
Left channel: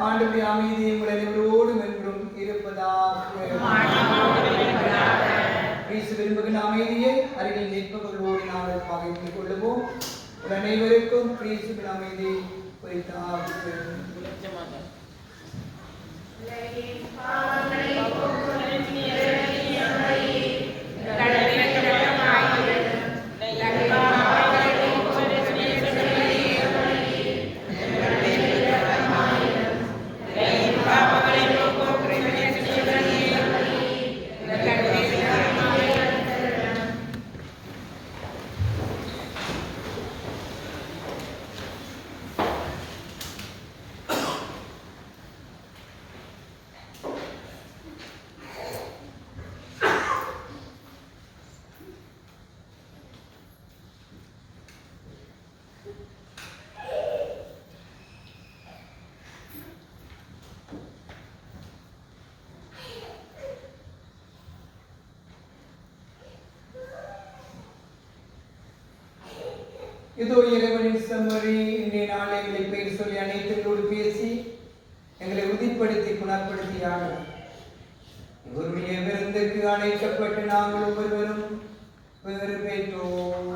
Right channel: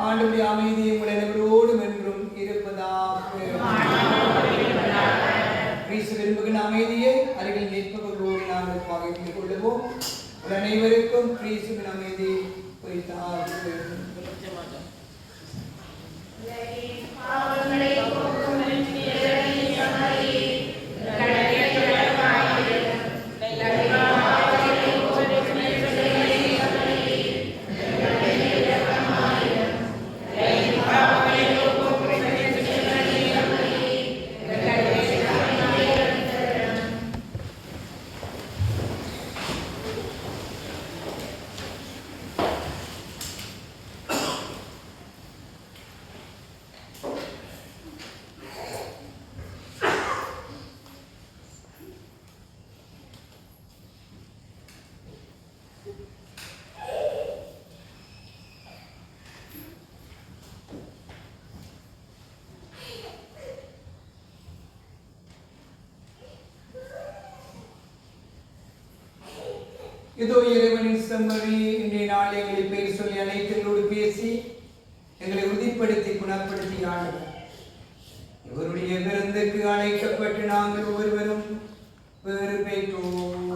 ஆண்டவருடைய அமைதியை உங்கள் அனைவரோடும் என்றும் இருப்பதாக. கிறிஸ்து விரும்புகிற அமைதியை அருகில் நிற்பவர்களோடு நாங்கள் பகிர்ந்து கொள்ளுவோம். அனைவருக்கும் கிறிஸ்துவின் அமைதி குறித்தாக. இதோ இறைவனின் செம்மறி, இன்றைய நாள் எங்களை பெயர் சொல்லி அனைத்தோடு பேசி எங்களை உறுதிப்படுத்தி குணப்படுத்தியார்கள். இவருடைய விருந்துக்கு அழைக்கப்பட்டு நாங்கள் ஒவ்வொருவரும் வேறு பெற்றோம்.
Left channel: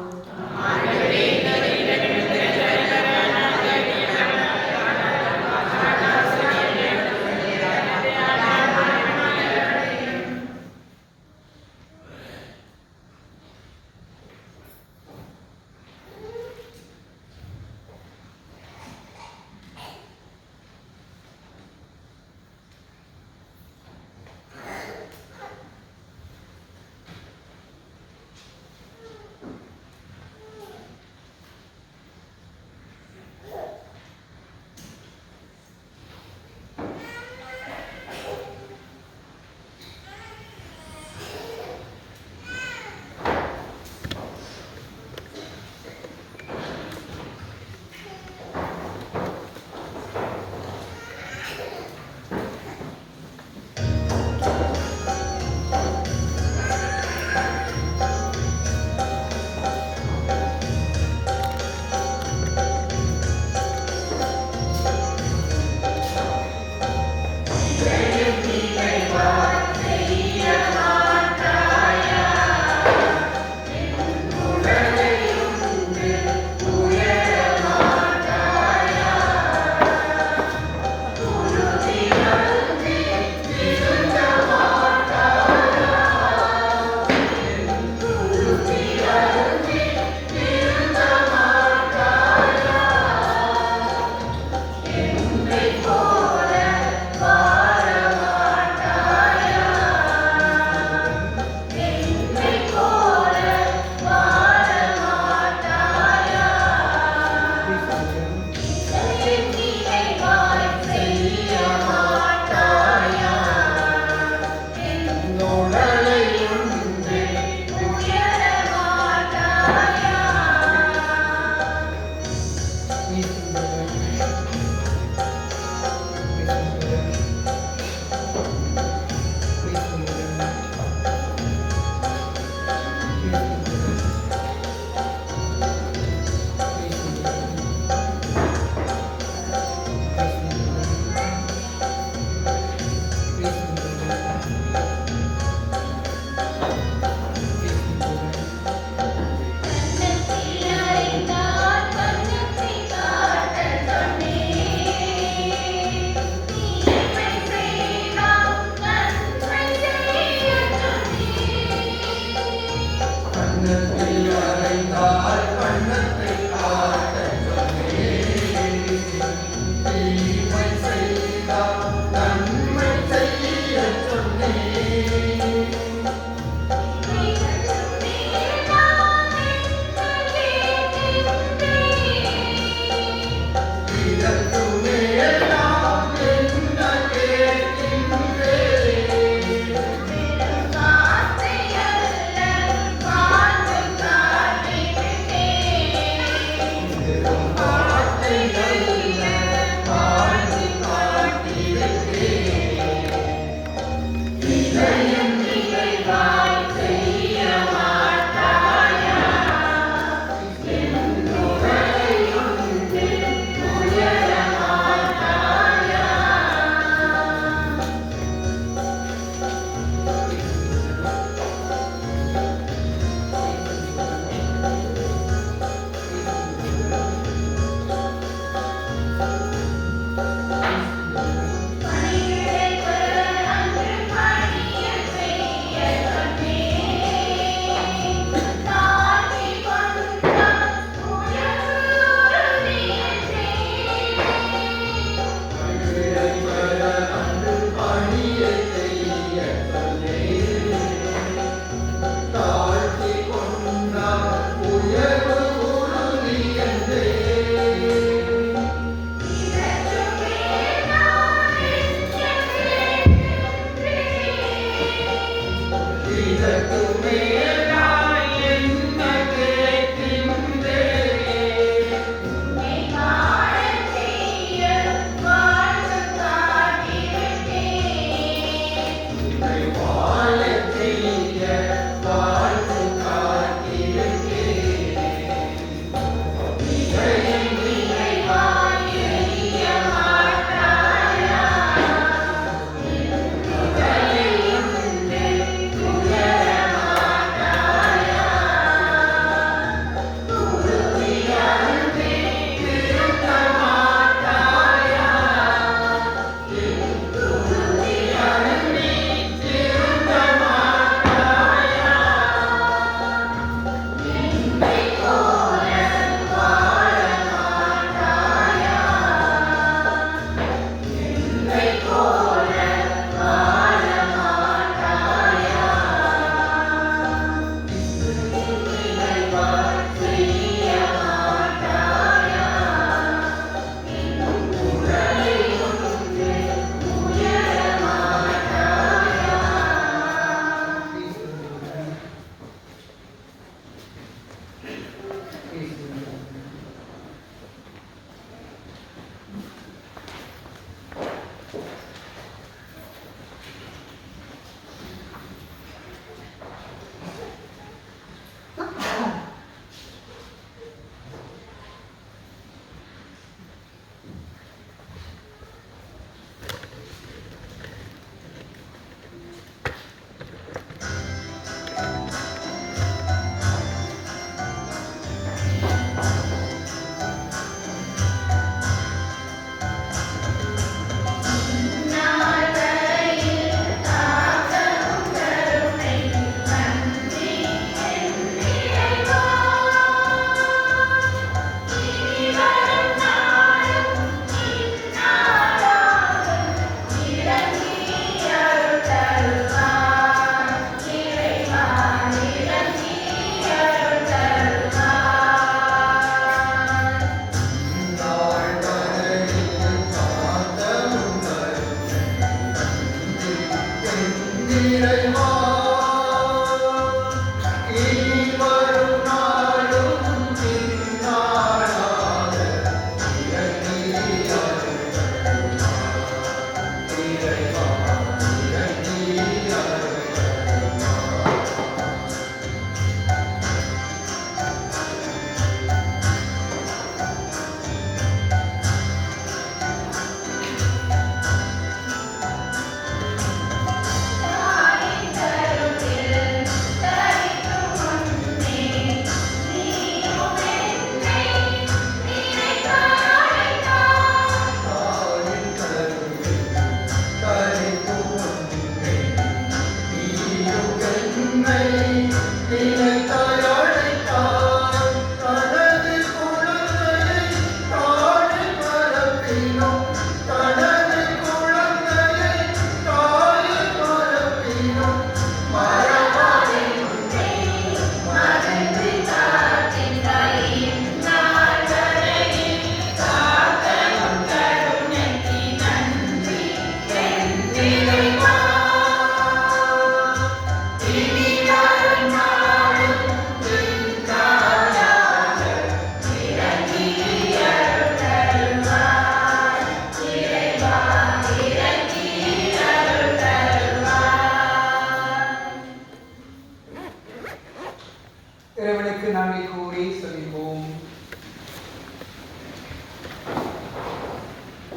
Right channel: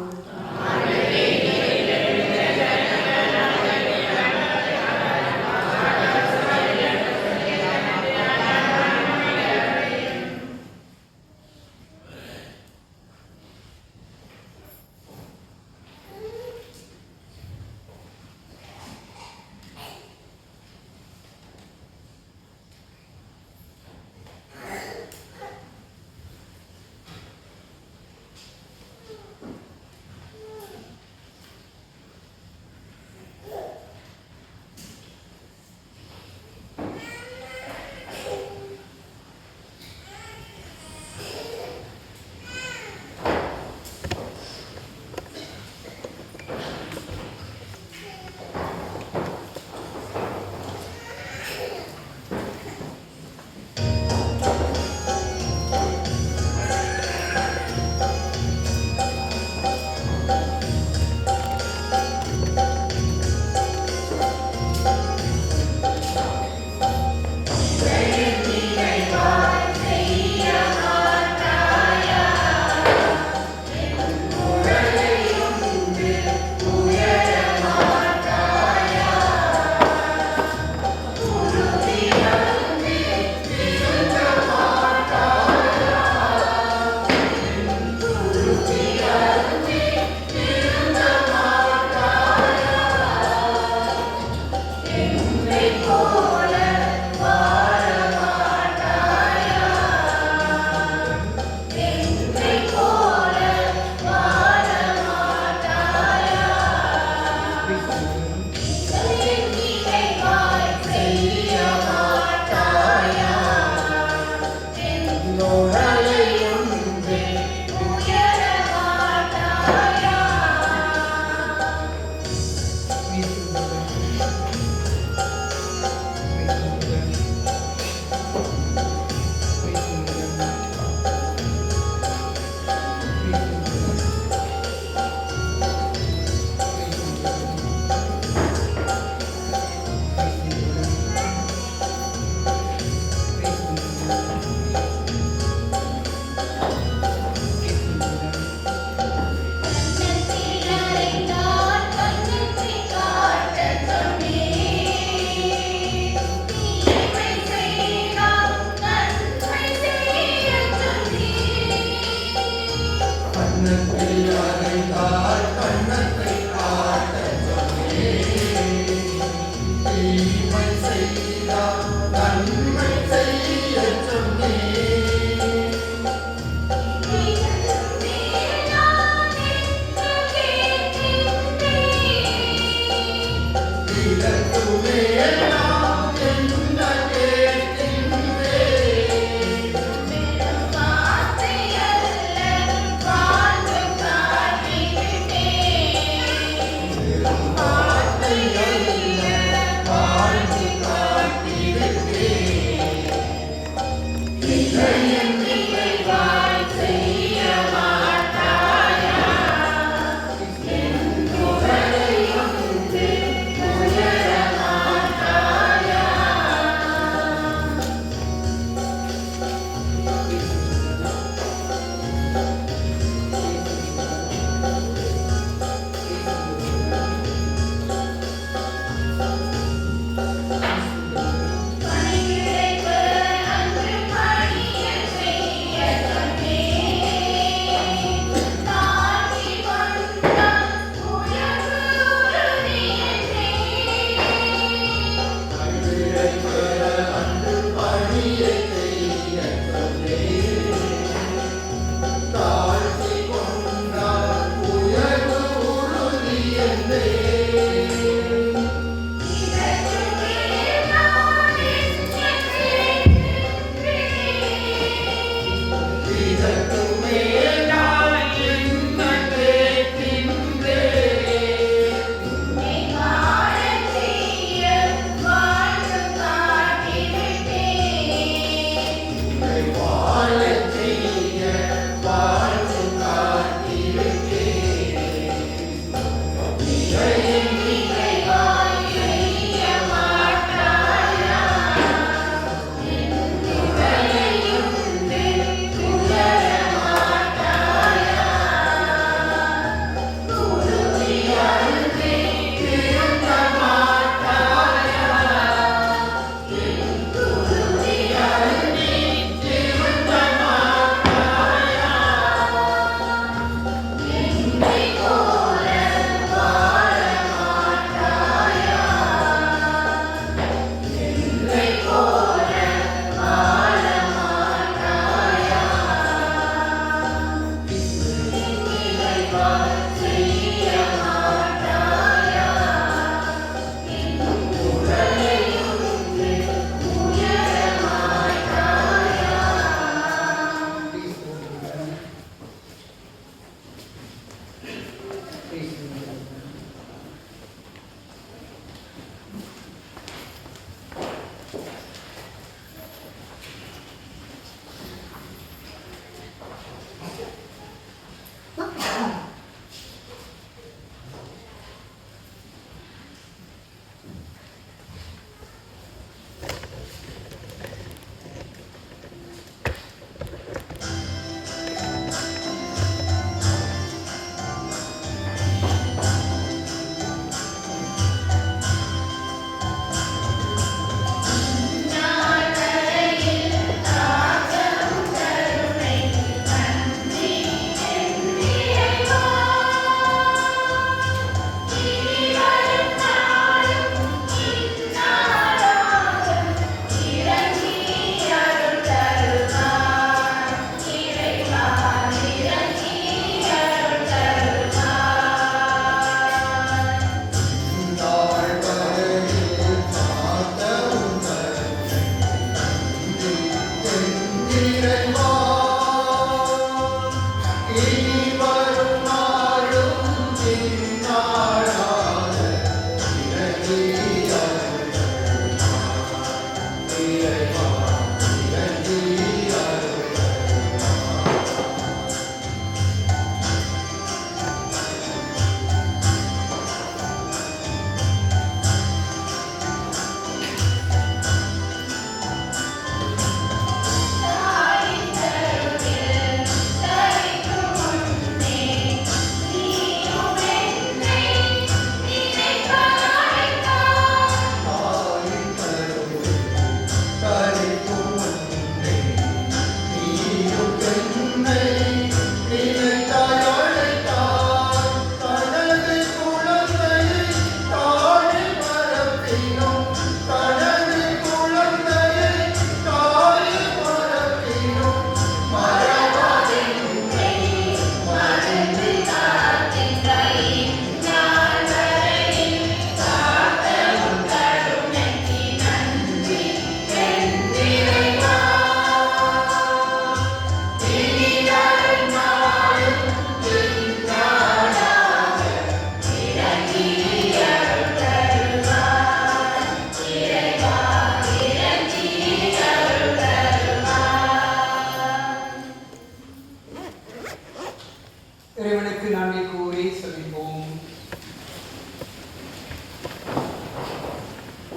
இறைவனுக்கு நன்றி கூறி செபிப்போம்.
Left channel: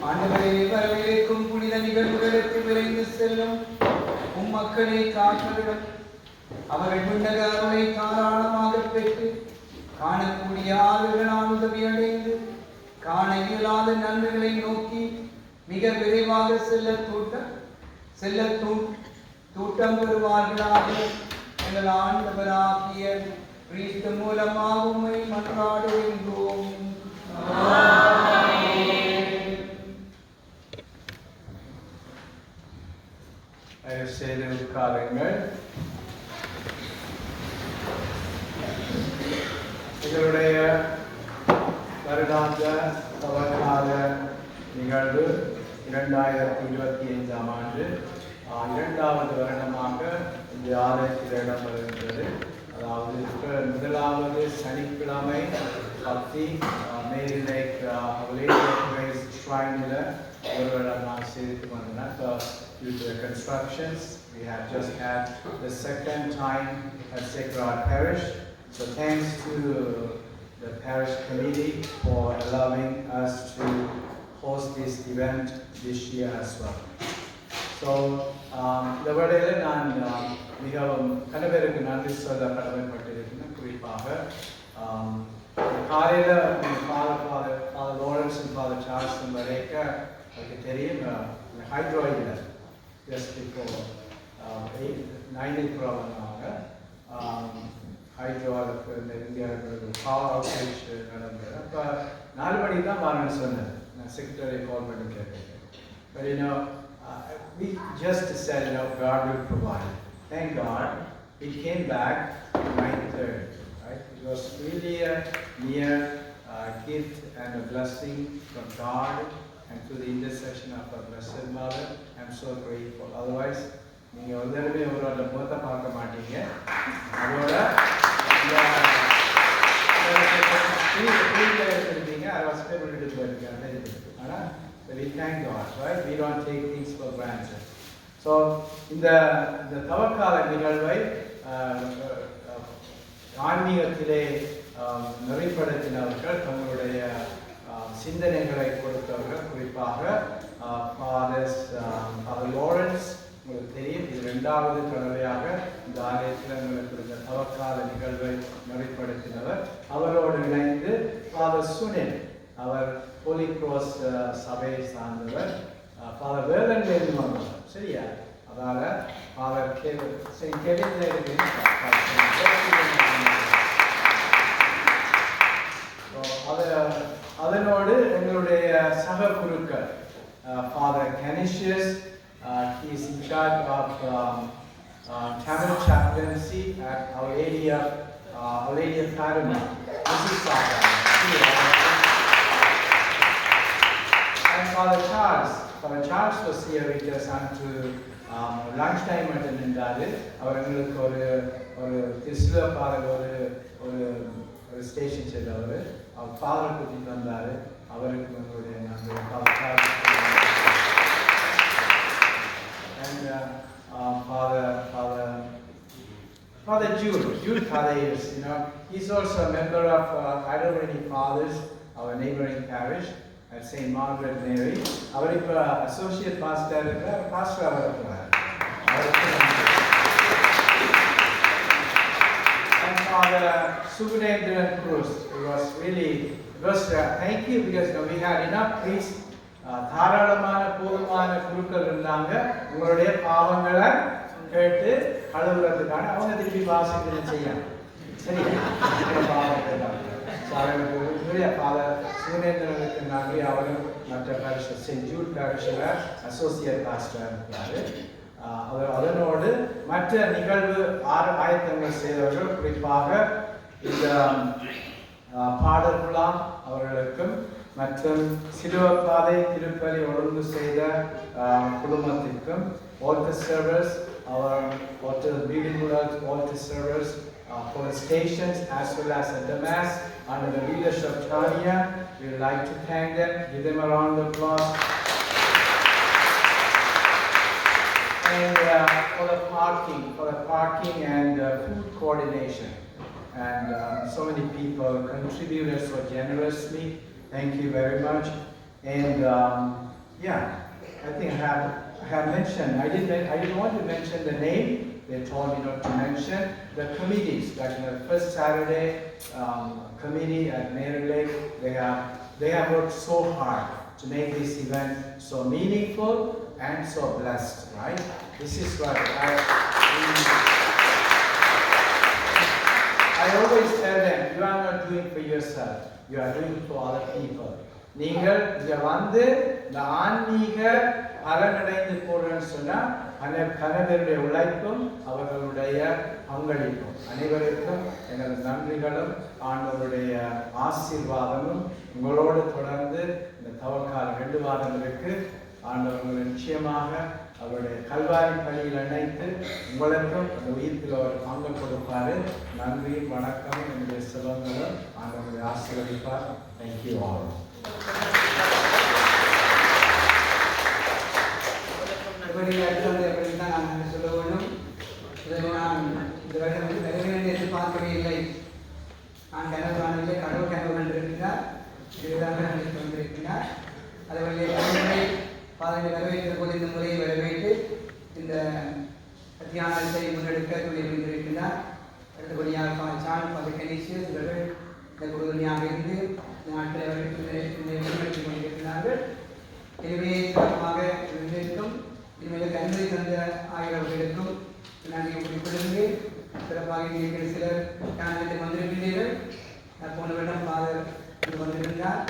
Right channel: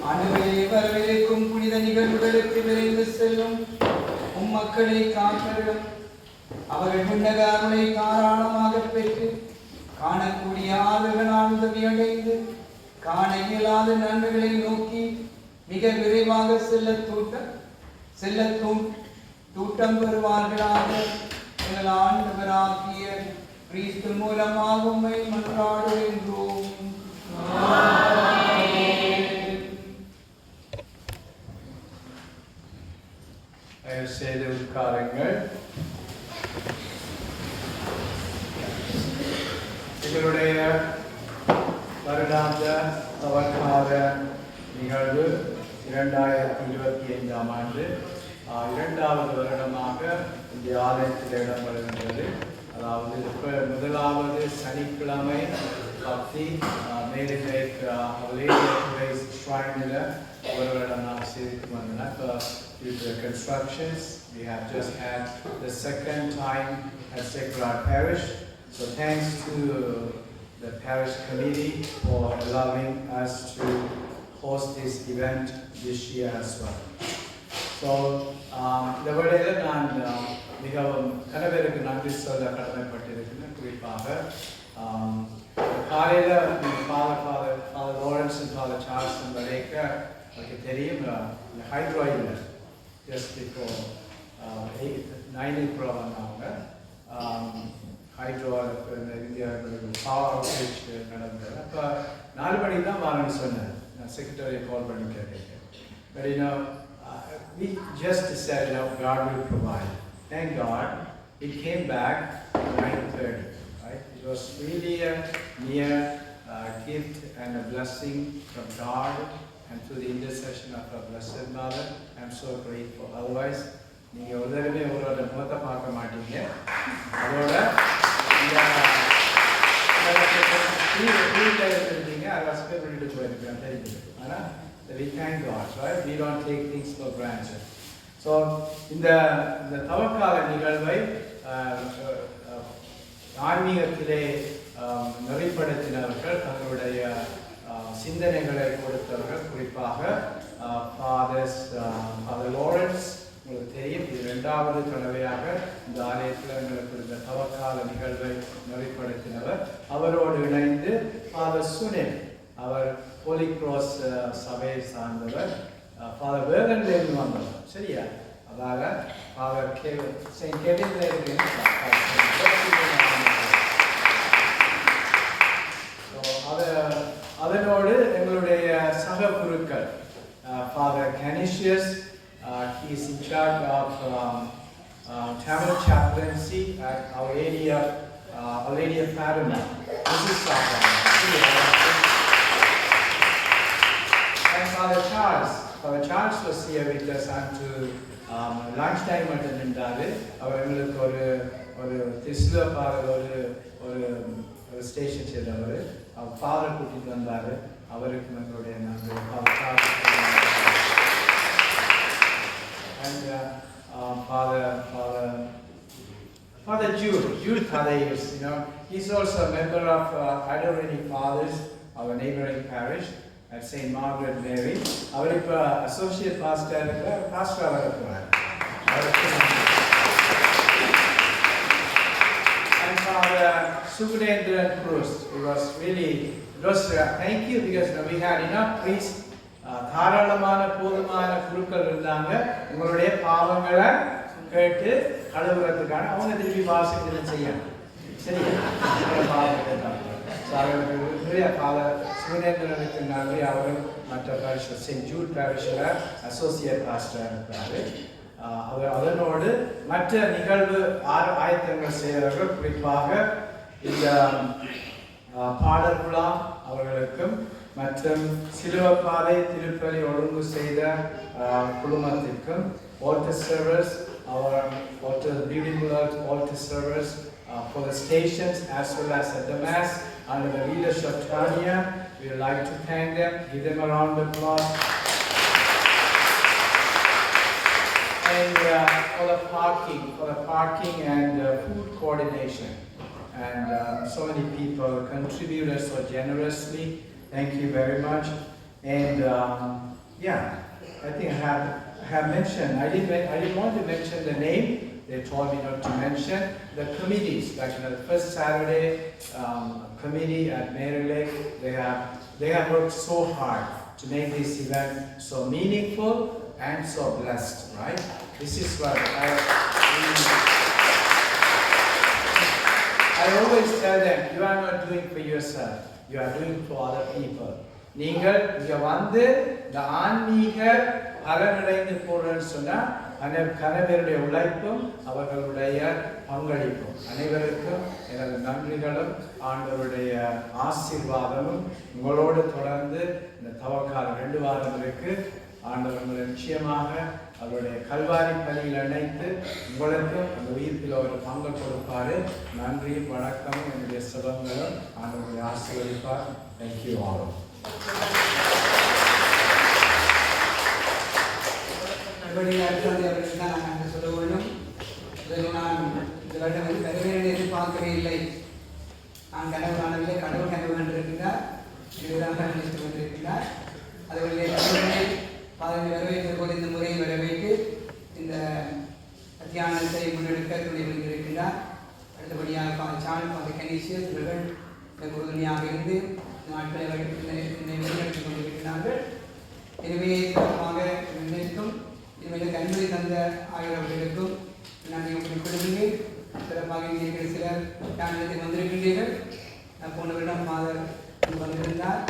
ஆண்டவரே, வரவிருக்கும் புனித நிகழ்வுகளுக்கு விரைந்து செல்லும் உம்மக்களை காத்தருளும். அவர்கள் விண்ணக அருளை தாராளமாக பெற்று காணக்கூடிய ஆறுகளால் உதவி அடைந்து காண இயலாத நன்மைகளை நோக்கி மிக விரைவாக செல்ல தூட்டம் பெறுவார்களாக. எங்கள் ஆண்டவராகிய கிறிஸ்து மூலமாக உம்மை மன்றாடுகின்றோம். தயவு செய்து உட்காருங்கள். எங்களுடைய வருடாந்த அவகார நிகழ்வு 2025 ஆண்டு 2வது வருடமாக இந்த ஆலயத்தில் இடம்பெறுகின்றது. அதாவது முதலாவது சனிக்கிழமை பக்தி மேரி லேக் ஷ்ரைனில் ஒரு வருடம் நான் செய்து வந்தேன். Due to the constructions, we have just had the second time at Sacred Heart Parish. So thanks to the parish committee for allowing us to host this event this year as well. So இந்த வேளையில் நான் மிகவும் கணவருக்கு நன்றி சொல்ல கடமைப்பட்டிருக்கிறேன். குறிப்பாக காலையில் father Lawrence and father Charles வரைக்கும் எனக்கு தெரியும் ஹைட்ராயில் just before 9 வந்தாங்க. ஹைட்ரோவில் இந்தியாவுக்கு பவர் அவுட்ரீச் நடந்தது. அப்போ 4 மணிக்கு தான் வரணும்னு சொன்னேன். நான் செக்ரட்டரியை கால் பண்ணி கேட்டேன். But we just said, God will provide. Thank God, it came back at 9:30. Right? It was really a near gift and a blessing from God, and through the intercession of our Blessed Mother. I'm so grateful. Otherwise, நீங்க ஒருதடவை அவரோட முகத்தை பார்க்க மாட்டீங்க. அதோட இருப்பீங்க, அதை வசதி பண்ணிட்டு போயிருக்கேன் தெரியுது. ஆனால் we thank God, right? We don't take things for granted. So இந்த தவக்கால நிகழ்வை ஆன்மீகத்திலே நெறிப்படுத்தினவர்கள், தங்களுடைய சிந்தனைகளை கொடுத்தவர்கள், குறிப்பாக ஃபாதர் லாரன்ஸ். உங்களுக்கு தெரியும், இது 2வது தடவையாக இந்த ஆலயத்தில் எங்களுக்கு இருந்த தவக்கால நிகழ்வை நெறிப்படுத்தினவர். அவரோடு இணைந்து ஃபாதர் சுனில், அவர் ஹோலி கிராஸ் சபையை சார்ந்தவர். ஃபாதர் வேலன்லேருந்து வந்தவர், சரியா? அதால் ஃபாதர் கெவின்ல இருக்கு. அதனோடு எங்களுடைய சக குருக்கள் father கனிஷியஸ், he is in charge of Tamil chaplaincy at Our Lady of Fatima. And Father Charles was here with us until lunch time attended. அவர் எங்களுக்கு ஒரு திஸ்ல பாதர் ஒரு ஸ்டேஷன் செய்தவர். அவர் ஃபாதர் கூட்டிட்டு வந்தார். அவருக்கு எங்களுடைய நன்றி. Jude Thaddeus, he's also a member of Adorani Fathers, our neighboring parish at St. Margaret Mary. அவர் இப்போ associate pastor இருக்கிறார், pastor இருக்கிறார். And Father Subhadendran Proust, it was thank you because we had enough priests. தாராளமான போதுமான குருக்கள் இருந்தாங்க. உங்களுடைய பாவங்களை கேட்டு கழுவுறதுக்கான அவங்க திருப்பி வாசித்து செய்யணும். சரி, சுனேந்திரனுக்கு நன்றி. அவரும் மற்ற பாரிஷ் செயின்ட் ஜூட் பாரிஷில் அசோசியேட் பாஸ்டர் இருக்கிறாரு. அதனோடு மற்ற நிகழ்வு ஆயத்தங்கள் செய்தவர்கள், குறிப்பாக இந்த பாடல் விழா அவர்களுக்கும் மற்றும் சிலுவப்பாதை திருப்பலி ஒழுங்கு செய்த குழுமத்திற்கும், altar servers, our altar servers for the stations as well as at the mass under the leadership of Tanya. We would like to thank them, give them a round of applause. And for the parking and food coordination. And so many people contributed so generously. Thank you very much. And I think I have mentioned, I didn't want to mention the name. They told me not to mention the committees. Like the first Saturday committee at Mary Lake, they have worked so hard to make this event so meaningful and so blessed, right? This is what I always tell them, you are not doing for yourself, you are doing for other people. நீங்கள் இங்க வந்து இந்த ஆன்மீக பலனடைந்து போறேன்னு சொன்னா கணவருடைய உழைப்பும் அவர்களுடைய பங்களிப்பும் அனைவருக்கும் எனது நன்றிகளும் ஆண்டவருடைய ஆசீர்வாதமும் உங்களோடு தொடர்ந்து இந்த தவக்கால 2 வாரங்களுக்கு ஆண்டவர்கள் நிச்சயமாக அவருடைய கல்வாரி பணியில் இணைத்து உங்களுக்கும் அந்த உயிர்ப்பில் ஒரு பங்கு கொடுப்பாரு. நன்றியும் வணக்கமும் என்னுடைய சுபங்களும் ஆண்டவருடைய ஆசீர்வதிப்பார். Thank you all. நான் சொல்ல வேண்டும், நான் இந்த வருடம் வரவேண்டிய எதிர்பார்க்கவே இல்லை. நான் கனவு காணவில்லை, கடவுள் கனவு கண்டிருக்கிறார், எதிராக நினைத்து கொண்டிருக்கிறார். அதுவரை பாதையை வரவேற்ற போது இந்த முறையை வரவேற்று இந்த தியானத்தை முன்னெடுக்க துணை வந்திருக்கிறார். அடுத்தபடியாக சான் பாதை கணேசியஸ் இவர்கள் இந்த உறுதுணையாக இருந்து நாட்டை முன்னெடுத்துக் கொண்டிருக்கிறார்கள். எனவே சிறப்பாக இவர்களுக்கும் இவர்களுக்கு அனுமதி தந்த ஆகியவர்களுக்கும் நன்றியை குறிப்பிடுகிறேன். சிறப்பாக இங்கே சிலர் காரணத்தை வந்திருக்கிறீர்கள். போனவரிடம் ஃபாதர் வந்திருந்தார்.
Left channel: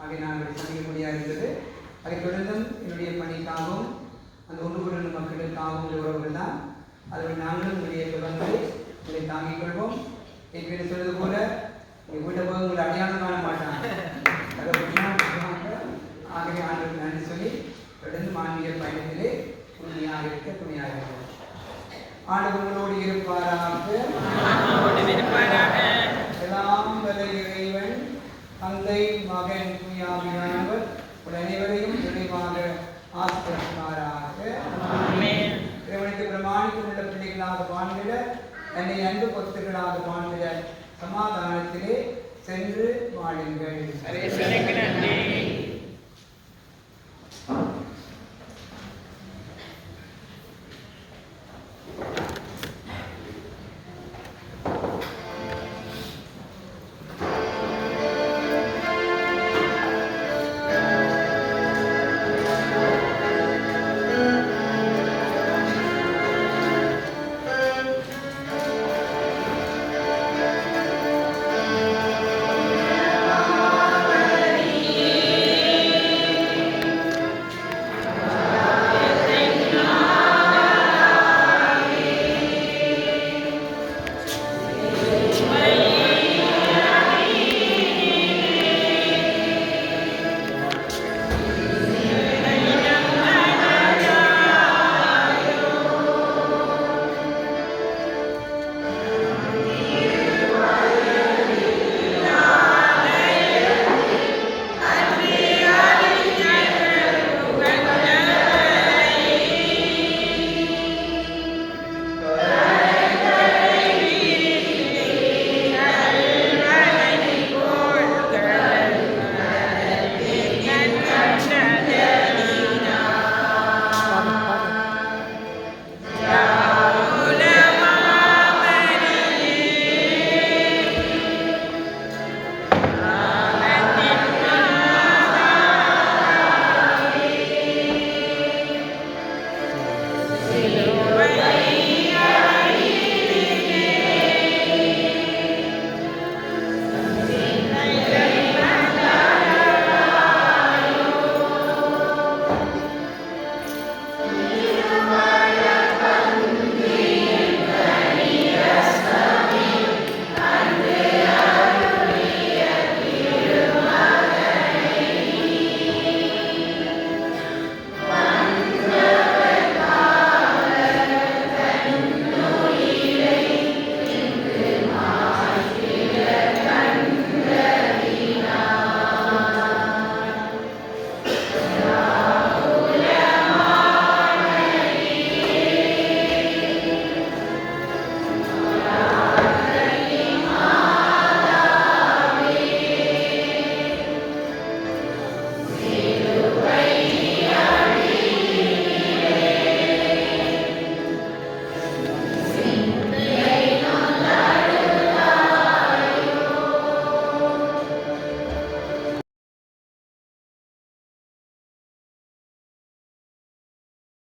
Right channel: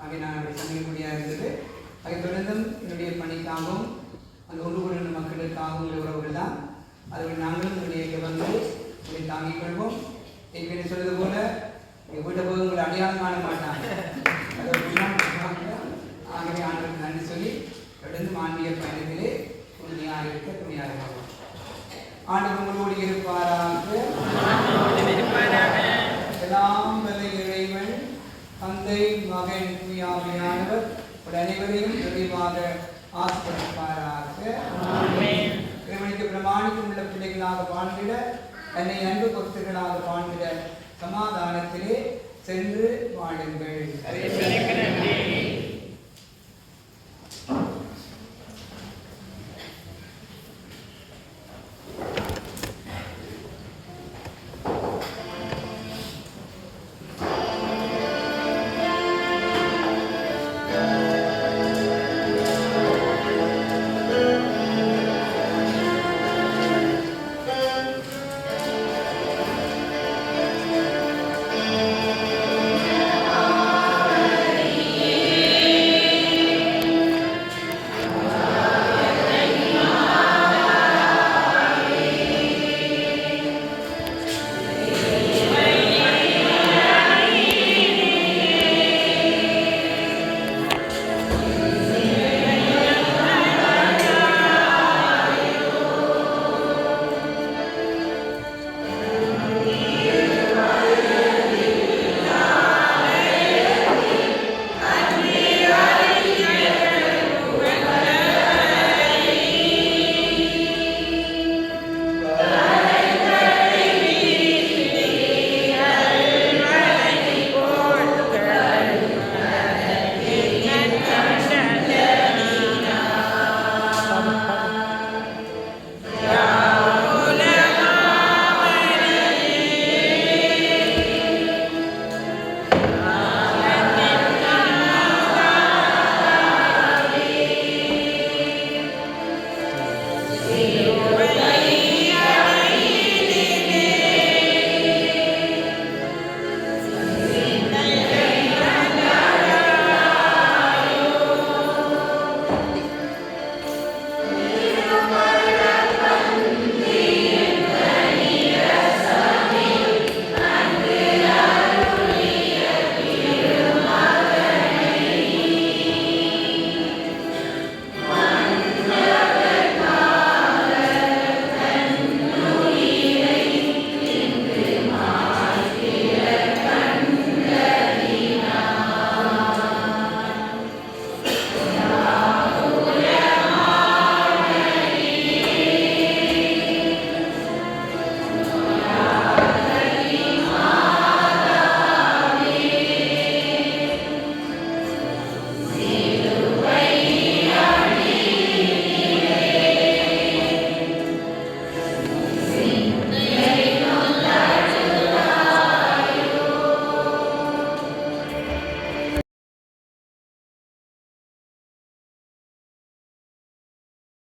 ஆகிய நான் சந்திக்கக்கூடியதாக இருந்தது. அதைத் தொடர்ந்தும் என்னுடைய பணிக்காகவும் அந்த ஒன்று கூடிய மக்களுக்காகவும் உள்ள உறவுகள் தான். அதில் நாங்களும் உங்களுடைய தொடர்ந்து உங்களை தாங்கிக் கொள்வோம். ஏற்கனவே சொல்வது போல எங்கள் வீட்டை போது உங்களை அடையாளம் காண மாட்டாங்க. ஆகவே ஆண்டவருக்கு நன்றி சொல்லி தொடர்ந்து ஆன்மீக பயணத்திலே துணையாக இருக்க துணையாக இருக்கும். ஆண்டவர் உங்களோடு இருப்பாராக. எல்லாம் வல்ல இறைவன் தந்தை மகன் தூயாவியானவர் அனைவரையும் தெளிவாக ஆசிர்வதிப்பாராக. இறைவனுக்கு பிரமாணிக்கும் உள்ள பிள்ளைகளாக வாழ்ந்திட, என்னை அன்பு பொறுத்துகளாக வாழ்ந்திட சமாதானத்திலே சென்று வாழுங்கள்.